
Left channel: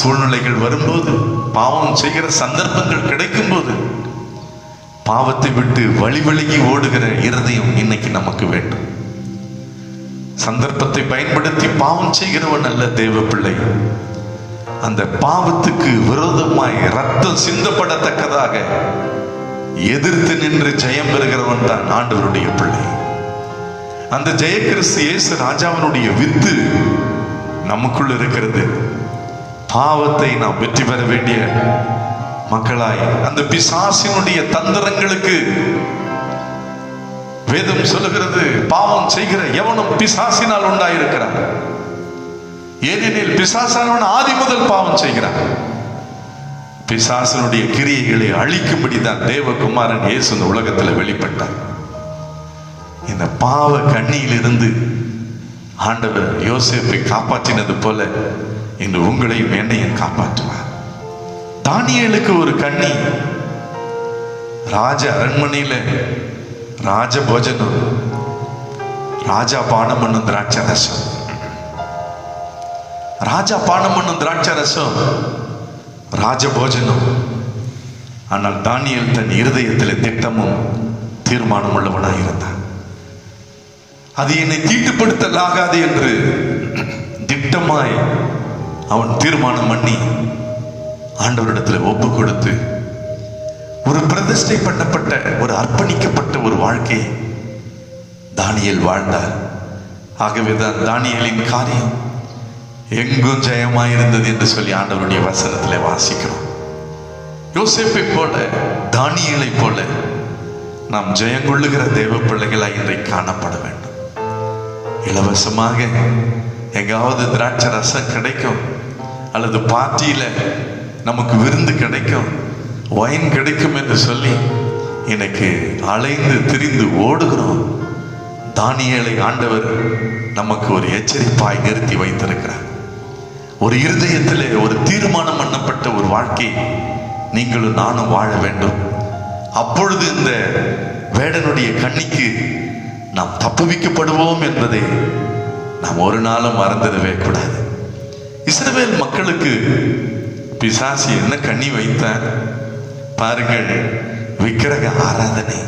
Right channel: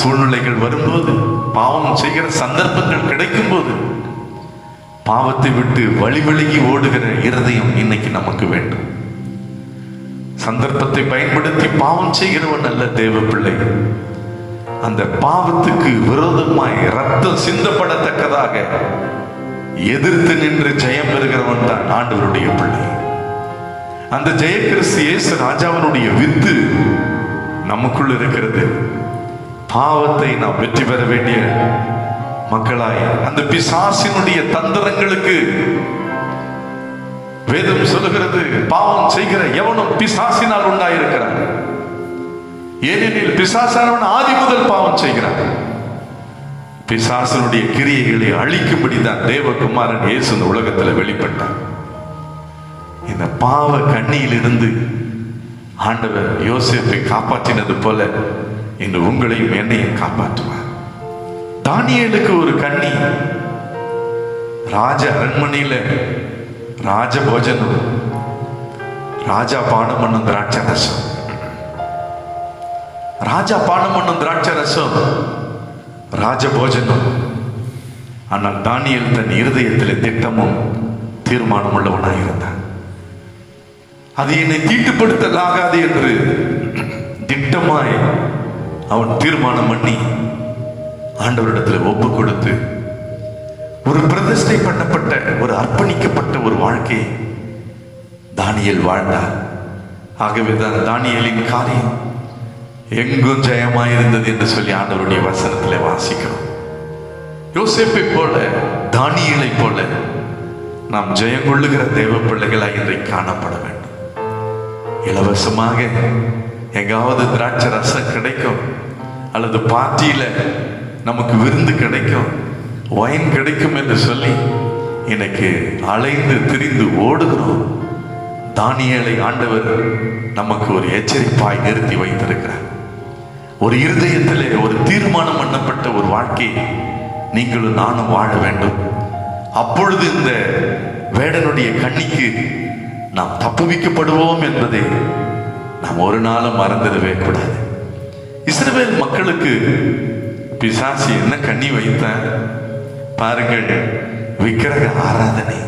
சூழ்நிலைகள் வரும்போது, பாவம் செய்கிற சந்தர்ப்பங்கள் கிடைக்கும் போது பாவத்தை விட்டு வழிவிலகி ஓடுகிற இருதயம் இன்னைக்கு நமக்கு வேண்டும். சந்தர்ப்பத்தை பயன்படுத்தி பாவம் செய்கிறவன் அல்ல தேவ பிள்ளை. அந்த பாவத்துக்கு விரோதமாய் ரத்தம் சிந்தப்படத்தக்கதாக எதிர்த்து நின்று ஜெயம் பெறுகிறவன் தான் ஆண்டவருடைய பிள்ளை. அந்த ஜெய கிறிஸ்து இயேசு ராஜாவினுடைய வித்து நமக்குள் இருக்கிறது. பாவத்தை நாம் வெற்றி பெற வேண்டிய மக்களாய் அந்த பிசாசினுடைய தந்திரங்களுக்கு வேதம் சொல்லுகிறது, பாவம் செய்கிற எவனும் பிசாசினால் உண்டாயிருக்கிறான். ஏனெனில் பிசாசானவன் ஆதி முதல் பாவம் செய்கிறான். பிசாசனுடைய கிரியைகளை அழிக்கும்படி தான் தேவகுமாரன் இயேசு இந்த உலகத்தில் வெளிப்பட்டார். இந்த பாவ கண்ணியிலிருந்து ஆண்டவர் யோசேப்பை காப்பாற்றினது போல இன்று உங்களையும் என்னையும் காப்பாற்றுவார். தானியேலுக்கு ஒரு கண்ணி, ராஜ அரண்மனையில ராஜ போஜனம், ராஜா பானம் பண்ணும் திராட்சை ரசம், ராஜா பானம் பண்ணும் திராட்சை ரசம் ராஜ போஜனம். ஆனால் தானியேல் தன் இருதயத்தில் திட்டமும் தீர்மானம் உள்ளவனாக இருந்தான். அது என்னை தீட்டுப்படுத்தலாகாது என்று திட்டமாய் அவன் தீர்மானம் பண்ணி ஆண்டவரிடத்தில் ஒப்பு கொடுத்து ஒரு பிரதிஷ்டை பண்ணப்பட்ட ஒரு அர்ப்பணிக்கப்பட்ட ஒரு வாழ்க்கையை தானியேல் வாழ்ந்தார். ஆகவேதான் தானியேலின் காரியம் எங்கும் ஜெயமாயிருந்தது என்று சொல்லி ஆண்டவருடைய வசனத்திலே வாசிக்கிறோம். யோசேப்பை போல தானியேலை போல நாம் ஜெயம் கொள்ளுகிற தேவ பிள்ளைகளாய் இன்றைக்கு காணப்பட வேண்டும். இலவசமாக எங்காவது திராட்சை ரசம் கிடைக்கும், அல்லது பார்ட்டியில நமக்கு விருந்து கிடைக்கும், வைன் கிடைக்கும் என்று சொல்லி எனக்கு அலைந்து திரிந்து ஓடுகிறோம். தானியேலை ஆண்டவர் நமக்கு ஒரு எச்சரிப்பாய் நிறுத்தி வைத்திருக்கிறார். ஒரு இருதயத்திலே ஒரு தீர்மானம் பண்ணப்பட்ட ஒரு வாழ்க்கை நீங்களும் நானும் வாழ வேண்டும். அப்பொழுது இந்த வேடனுடைய கண்ணிக்கு நாம் தப்புவிக்கப்படுவோம் என்பதை நாம் ஒரு நாளும் மறந்துடவே கூடாது. இஸ்ரவேல் மக்களுக்கு பிசாசு என்ன கண்ணி வைத்த பாருங்கள், விக்கிரக ஆராதனை.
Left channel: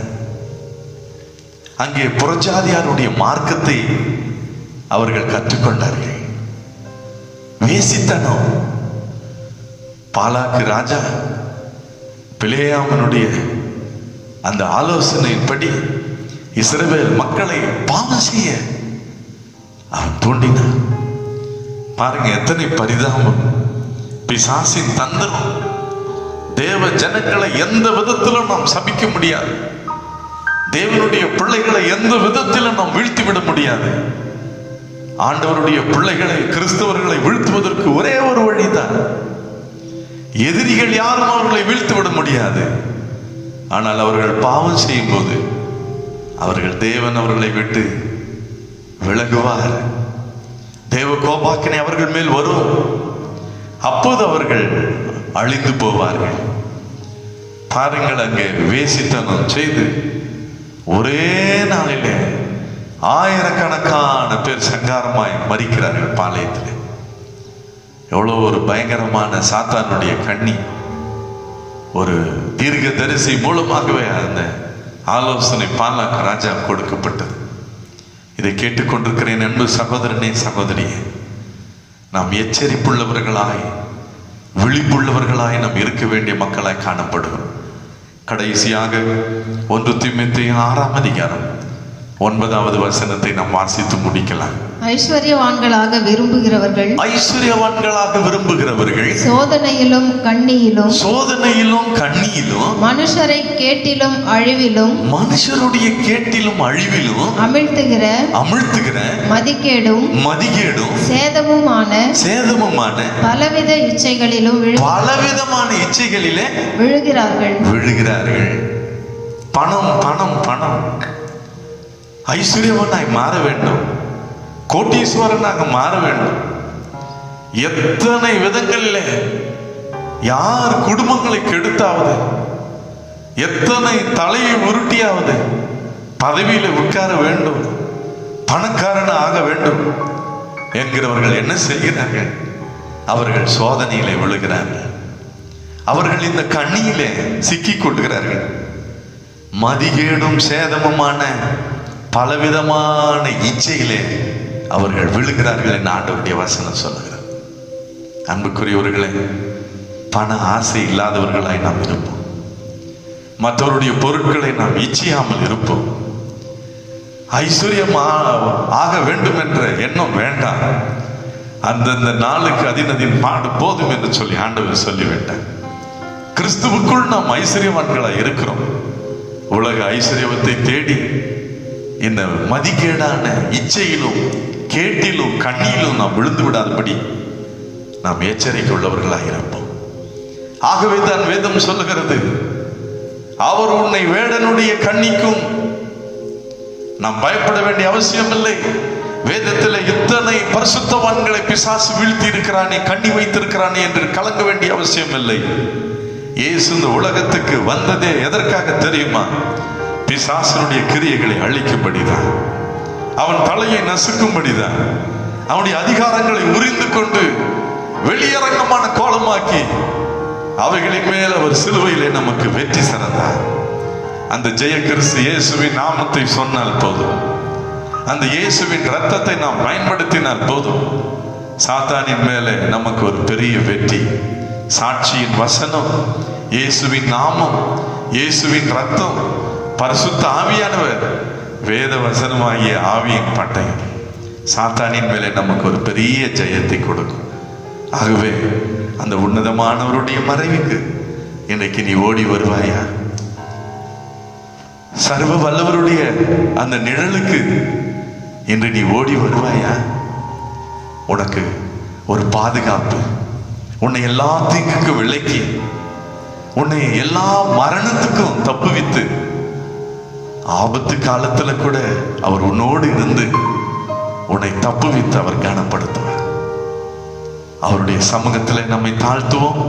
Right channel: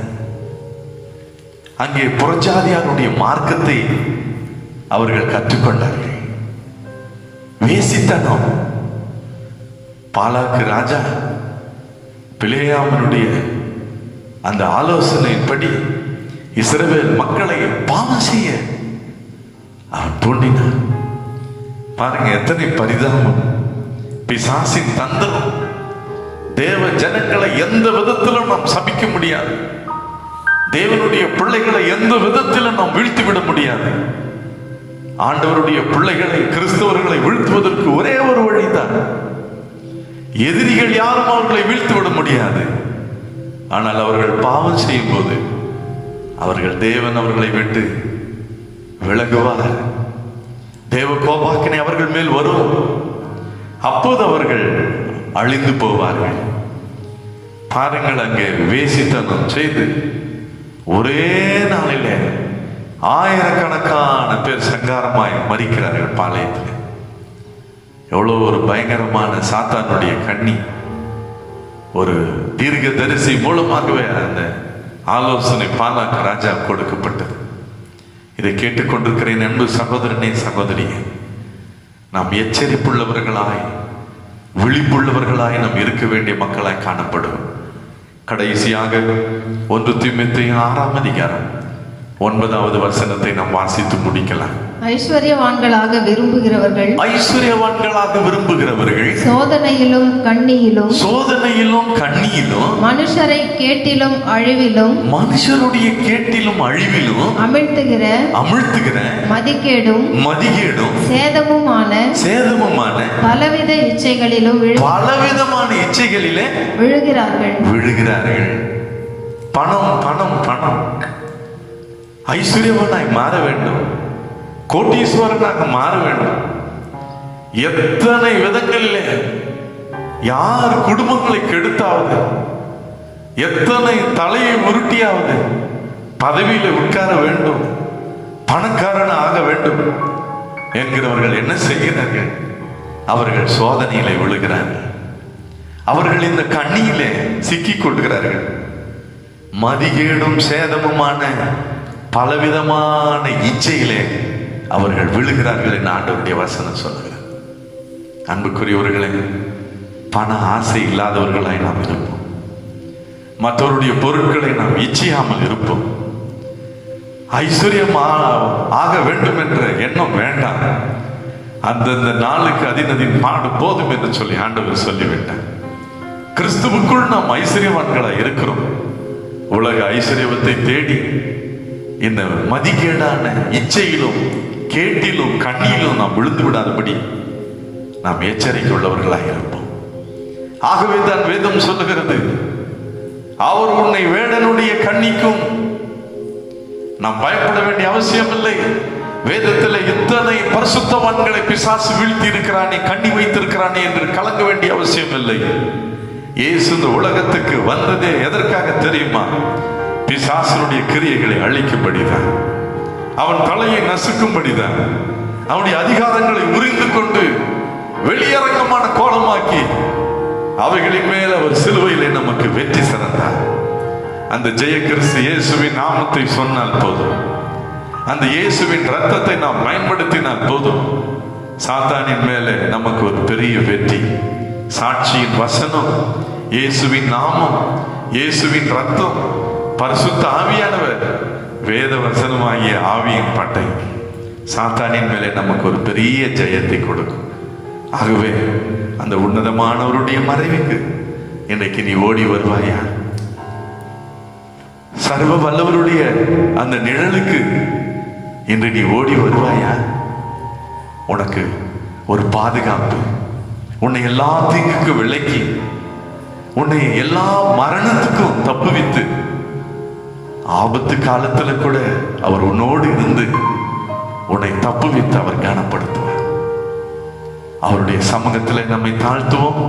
அங்கே புறஜாதியாருடைய மார்க்கத்தை அவர்கள் கற்றுக்கொண்டார்கள். வேசித்தனம். பாலாக்கு ராஜா பிலேயாமனுடைய அந்த ஆலோசனைப்படி இஸ்ரவேல் மக்களை பாவம் செய்ய அவன் தூண்டினான். பாருங்க எத்தனை பரிதாபம். பிசாசின் தந்திரம். தேவ ஜனங்களை எந்த விதத்திலும் நாம் சபிக்க முடியாது. தேவனுடைய பிள்ளைகளை எந்த விதத்திலும் நாம் வீழ்த்திவிட முடியாது. ஆண்டவருடைய பிள்ளைகளை, கிறிஸ்தவர்களை வீழ்த்துவதற்கு ஒரே ஒரு வழிதான். எதிரிகள் யாரும் அவர்களை வீழ்த்திவிட முடியாது. ஆனால் அவர்கள் பாவம் செய்யும் போது அவர்கள் தேவன் அவர்களை விட்டு விலகுவார். தேவ கோபாக்கினை அவர்கள் மேல் வரும். அப்போது அவர்கள் அழிந்து போவார்கள். பாருங்கள், அங்கே வேசித்தனம் செய்து ஒரே நாளிலே ஆயிரக்கணக்கான பேர் சங்காரமாய் மரிக்கிறார்கள் பாளையத்தில். எவ்வளவு ஒரு பயங்கரமான சாத்தானுடைய கண்ணி. ஒரு தீர்க்க தரிசி மூலமாகவே அந்த ஆலோசனை பாலாக்கு ராஜா கொடுக்கப்பட்டது. இதை கேட்டுக்கொண்டிருக்கிறேன் அன்பு சகோதரனே, சகோதரியே, நாம் எச்சரிப்புள்ளவர்களாய், விழிப்புள்ளவர்களாய் நாம் இருக்க வேண்டிய மக்களாய் காணப்படும். கடைசியாக 1 தீமோத்தேயு 6ஆம் அதிகாரம் 9வது வசனத்தை நாம் வாசித்து முடிக்கலாம். ஐஸ்வர்யவான்களாக விரும்புகிறவர்கள் சோதனையிலும் கண்ணியிலும் மனுஷரை கேட்டிலும் அழிவிலும் அமிழ்த்துகிற மதிகேடும் சேதமுமான பலவித இச்சைகளிலே விழுகிறார்கள். பணம் ஐஸ்வர்யவனாய் மாற வேண்டும், கோட்டீஸ்வரனாக மாற வேண்டும். எத்தனை விதங்களில் யார் குடும்பங்களை கெடுத்தாவது, எத்தனை தலையை உருட்டியாவது பதவியில உட்கார வேண்டும், பணக்காரன ஆக வேண்டும் என்கிறவர்கள் என்ன செய்கிறார்கள்? அவர்கள் சோதனையிலே விழுகிறார்கள். அவர்கள் இந்த கண்ணியிலே சிக்கிக் கொள்கிறார்கள். மதிகேடும் சேதமுமான பலவிதமான இச்சையிலே அவர்கள் விழுகிறார்கள் என்று ஆண்டவருடைய வசனம் சொல்லுகிறார். அன்புக்குரியவர்களே, பண ஆசை இல்லாதவர்களாய் நாம் இருப்போம். மற்றவருடைய பொருட்களை நாம் இச்சையாமல் இருப்போம். ஐஸ்வர்யம் ஆக வேண்டும் என்ற எண்ணம் வேண்டாம். அந்தந்த நாளுக்கு அதினதின் பாடு போதும் என்று சொல்லி ஆண்டவர் சொல்லிவிட்டார். கிறிஸ்துவுக்குள் நாம் ஐஸ்வர்யவான்களாய் இருக்கிறோம். உலக ஐஸ்வர்யத்தை தேடி இந்த மதிகேடான இச்சையிலும் கேட்டிலும் கண்ணியிலும் நாம் விழுந்து விடாதபடி நாம் எச்சரிக்கை உள்ளவர்களாக இருப்போம். ஆகவே தான் வேதம் சொல்லுகிறது, அவர் உன்னை வேடனுடைய கண்ணிக்கும். நாம் பயப்பட வேண்டிய அவசியம் இல்லை. வேதத்தில் இத்தனை பரிசுத்தவான்களை பிசாசு வீழ்த்தி இருக்கிறானே, கண்ணி வைத்திருக்கிறானே என்று கலங்க வேண்டிய அவசியம் இல்லை. இயேசு இந்த உலகத்துக்கு வந்ததே எதற்காக தெரியுமா? பிசாசனுடைய கிரியைகளை அழிக்கும்படிதான், அவன் தலையை நசுக்கும்படிதான், அவனுடைய அதிகாரங்களை உரிந்து கொண்டு வெளியரங்கமான கோலமாக்கி அவைகளின் மேல் அவர் சிலுவையிலே நமக்கு வெற்றி சிறந்தார். அந்த ஜெய கிறிஸ்து இயேசுவின் நாமத்தை சொன்னால் போதும், அந்த இயேசுவின் ரத்தத்தை நாம் பயன்படுத்தினால் போதும், சாத்தானின் மேலே நமக்கு ஒரு பெரிய வெற்றி. சாட்சியின் வசனம், இயேசுவின் நாமம், இயேசுவின் ரத்தம், பரிசுத்த ஆவியானவர், வேத வசனமாகிய ஆவியின் பட்டை சாத்தானின் மேலே நமக்கு ஒரு பெரிய ஜெயத்தை கொடுக்கும். ஆகவே அந்த உன்னதமானவருடைய மறைவுக்கு இன்றைக்கு நீ ஓடி வருவாயா? சர்வ வல்லவருடைய அந்த நிழலுக்கு இன்று நீ ஓடி வருவாயா? உனக்கு ஒரு பாதுகாப்பு, உன்னை எல்லா தீங்குக்கு விலக்கி, உன்னை எல்லா மரணத்துக்கும் தப்புவித்து, ஆபத்து காலத்துல கூட அவர் உன்னோடு இருந்து உன்னை தப்புவித்து அவர் கனப்படுத்துவார். அவருடைய சமூகத்தில் நம்மை தாழ்த்துவோம்.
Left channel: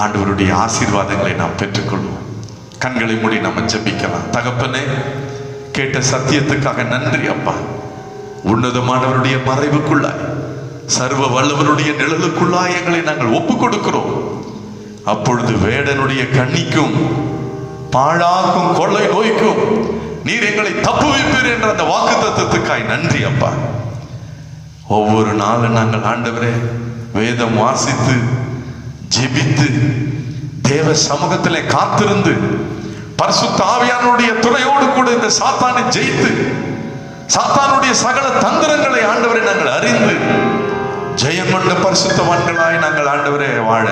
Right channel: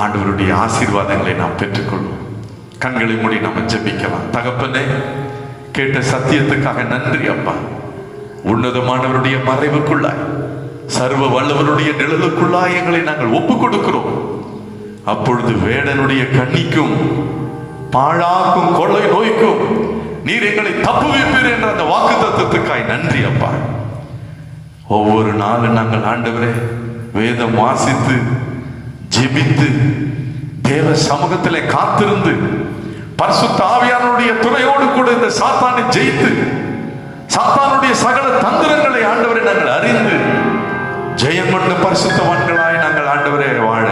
ஆண்டவருடைய ஆசீர்வாதங்களை நாம் பெற்றுக்கொள்வோம். கண்களை மூடி நம்ம ஜெபிக்கலாம். தகப்பனே, கேட்ட சத்தியத்துக்காக நன்றி அப்பா. உன்னதமானவருடைய மறைவுக்குள்ளாய், சர்வ வல்லவருடைய நிழலுக்குள்ளாய் எங்களை நாங்கள் ஒப்புக் கொடுக்கிறோம். அப்பொழுது வேடனுடைய கண்ணிக்கும் பாழாக்கும் கொள்ளை நோய்க்கும் நீர் எங்களை தப்புவிப்பீர் என்ற அந்த வாக்கு தத்துவத்துக்காய் நன்றி அப்பா. ஒவ்வொரு நாளும் நாங்கள் ஆண்டவரே வேதம் வாசித்து ஜெபித்து தேவ சமூகத்திலே காத்திருந்து பரிசுத்த ஆவியானவருடைய துணையோடு கூட இந்த சாத்தானை ஜெயித்து சாத்தானுடைய சகல தந்திரங்களை ஆண்டவரை நாங்கள் அறிந்து ஜெயம் கொண்ட பரிசுத்தவான்களாய் நாங்கள் ஆண்டவரை வாழ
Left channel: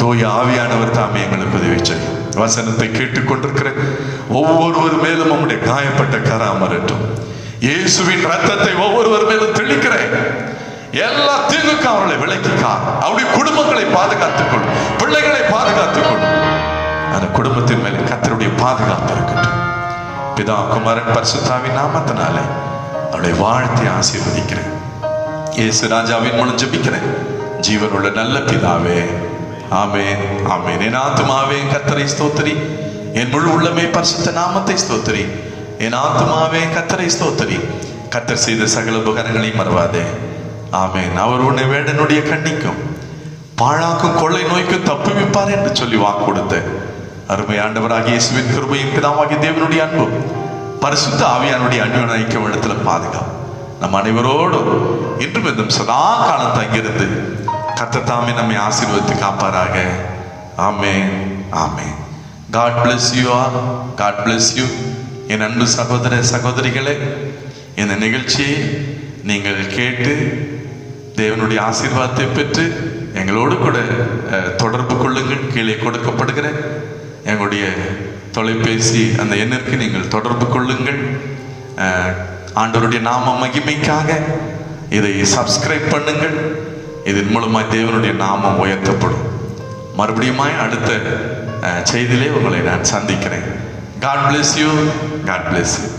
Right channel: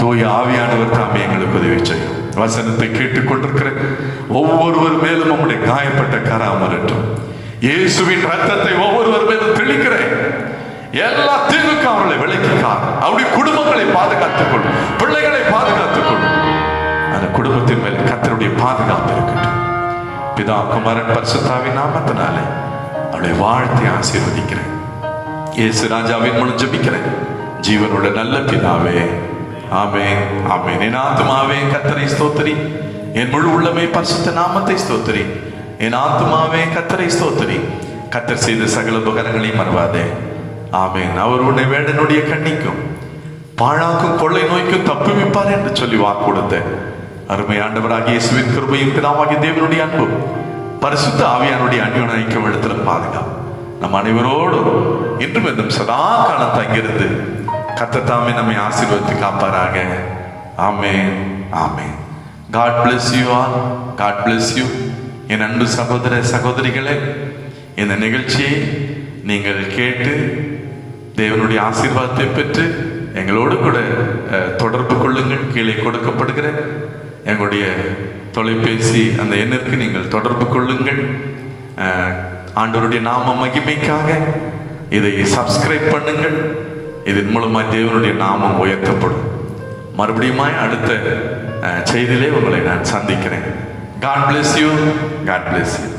தூய ஆவியானவர் தாமே எங்களுக்கு உதவி செய்யும். வசனத்தை கேட்டுக்கொண்டிருக்கிற ஒவ்வொருவர் மேலும் நம்முடைய காயப்பட்ட கராமரட்டும். இயேசுவின் ரத்தத்தை ஒவ்வொருவர் மேலும் தெளிக்கிறேன். எல்லா தீங்குக்கும் அவர்களை விலக்கிக்கார். அவருடைய குடும்பங்களை பாதுகாத்துக் கொள்ளும், பிள்ளைகளை பாதுகாத்துக் கொள்ளும். அந்த குடும்பத்தின் மேல் கர்த்தருடைய பாதுகாப்பு இருக்கட்டும். பிதா குமாரன் பரிசுத்தாவின் நாமத்தினால அவளை வாழ்த்தி ஆசீர்வதிக்கிறேன். இயேசு ராஜாவின் மூலம் ஜெபிக்கிறேன். ஜீவன் உள்ள நல்ல பிதாவே, ஆமென், ஆமென். என் ஆத்துமாவே கர்த்தரை ஸ்தோத்திரி, என் முழு உள்ளமே பரிசுத்த நாமத்தை ஸ்தோத்திரி. என் ஆத்துமாவே கர்த்தரை ஸ்தோத்திரி, கர்த்தர் செய்த சகல உபகாரங்களையும் மறவாதே. ஆமென். அவர் உன்னை வேடனுடைய கண்ணிக்கும் பாழாக்கும் கொள்ளை நோய்க்கும் தப்புவிப்பார் என்று சொல்லி வாக்கு கொடுத்த அருமை ஆண்டவராகிய இயேசுவின் கிருபையும் பிதாவாகிய தேவனுடைய அன்பு பரிசுத்த ஆவியானுடைய அன்பு ஐக்கியம் இடத்துல பாதுகாப்பு நம் அனைவரோடும் இன்றும் இந்த சதா காலம் தங்கியிருந்து கர்த்தர் தாமே நம்மை ஆசீர்வதித்து காப்பாராக. ஆமென், ஆமென். God bless you all. God bless you. என் அன்பு சகோதர சகோதரிகளே, இந்த நிகழ்ச்சியை நீங்கள் கேட்டு தேவனுடைய ஆசீர்வாதத்தை பெற்று எங்களோடு கூட தொடர்பு கொள்ளுங்கள். கீழே கொடுக்கப்படுகிற எங்களுடைய தொலைபேசி அந்த எண்ணிற்கு நீங்கள் தொடர்பு கொள்ளுங்கள். ஆண்டவருடைய நாம மகிமைக்காக இதை சப்ஸ்கிரைப் பண்ணுங்கள். இதன் மூலமாக தேவனுடைய நாமம் உயர்த்தப்படும். மறுபடியும் அடுத்த செய்தியிலே உங்களை நான் சந்திக்கிறேன். God bless you. God bless you.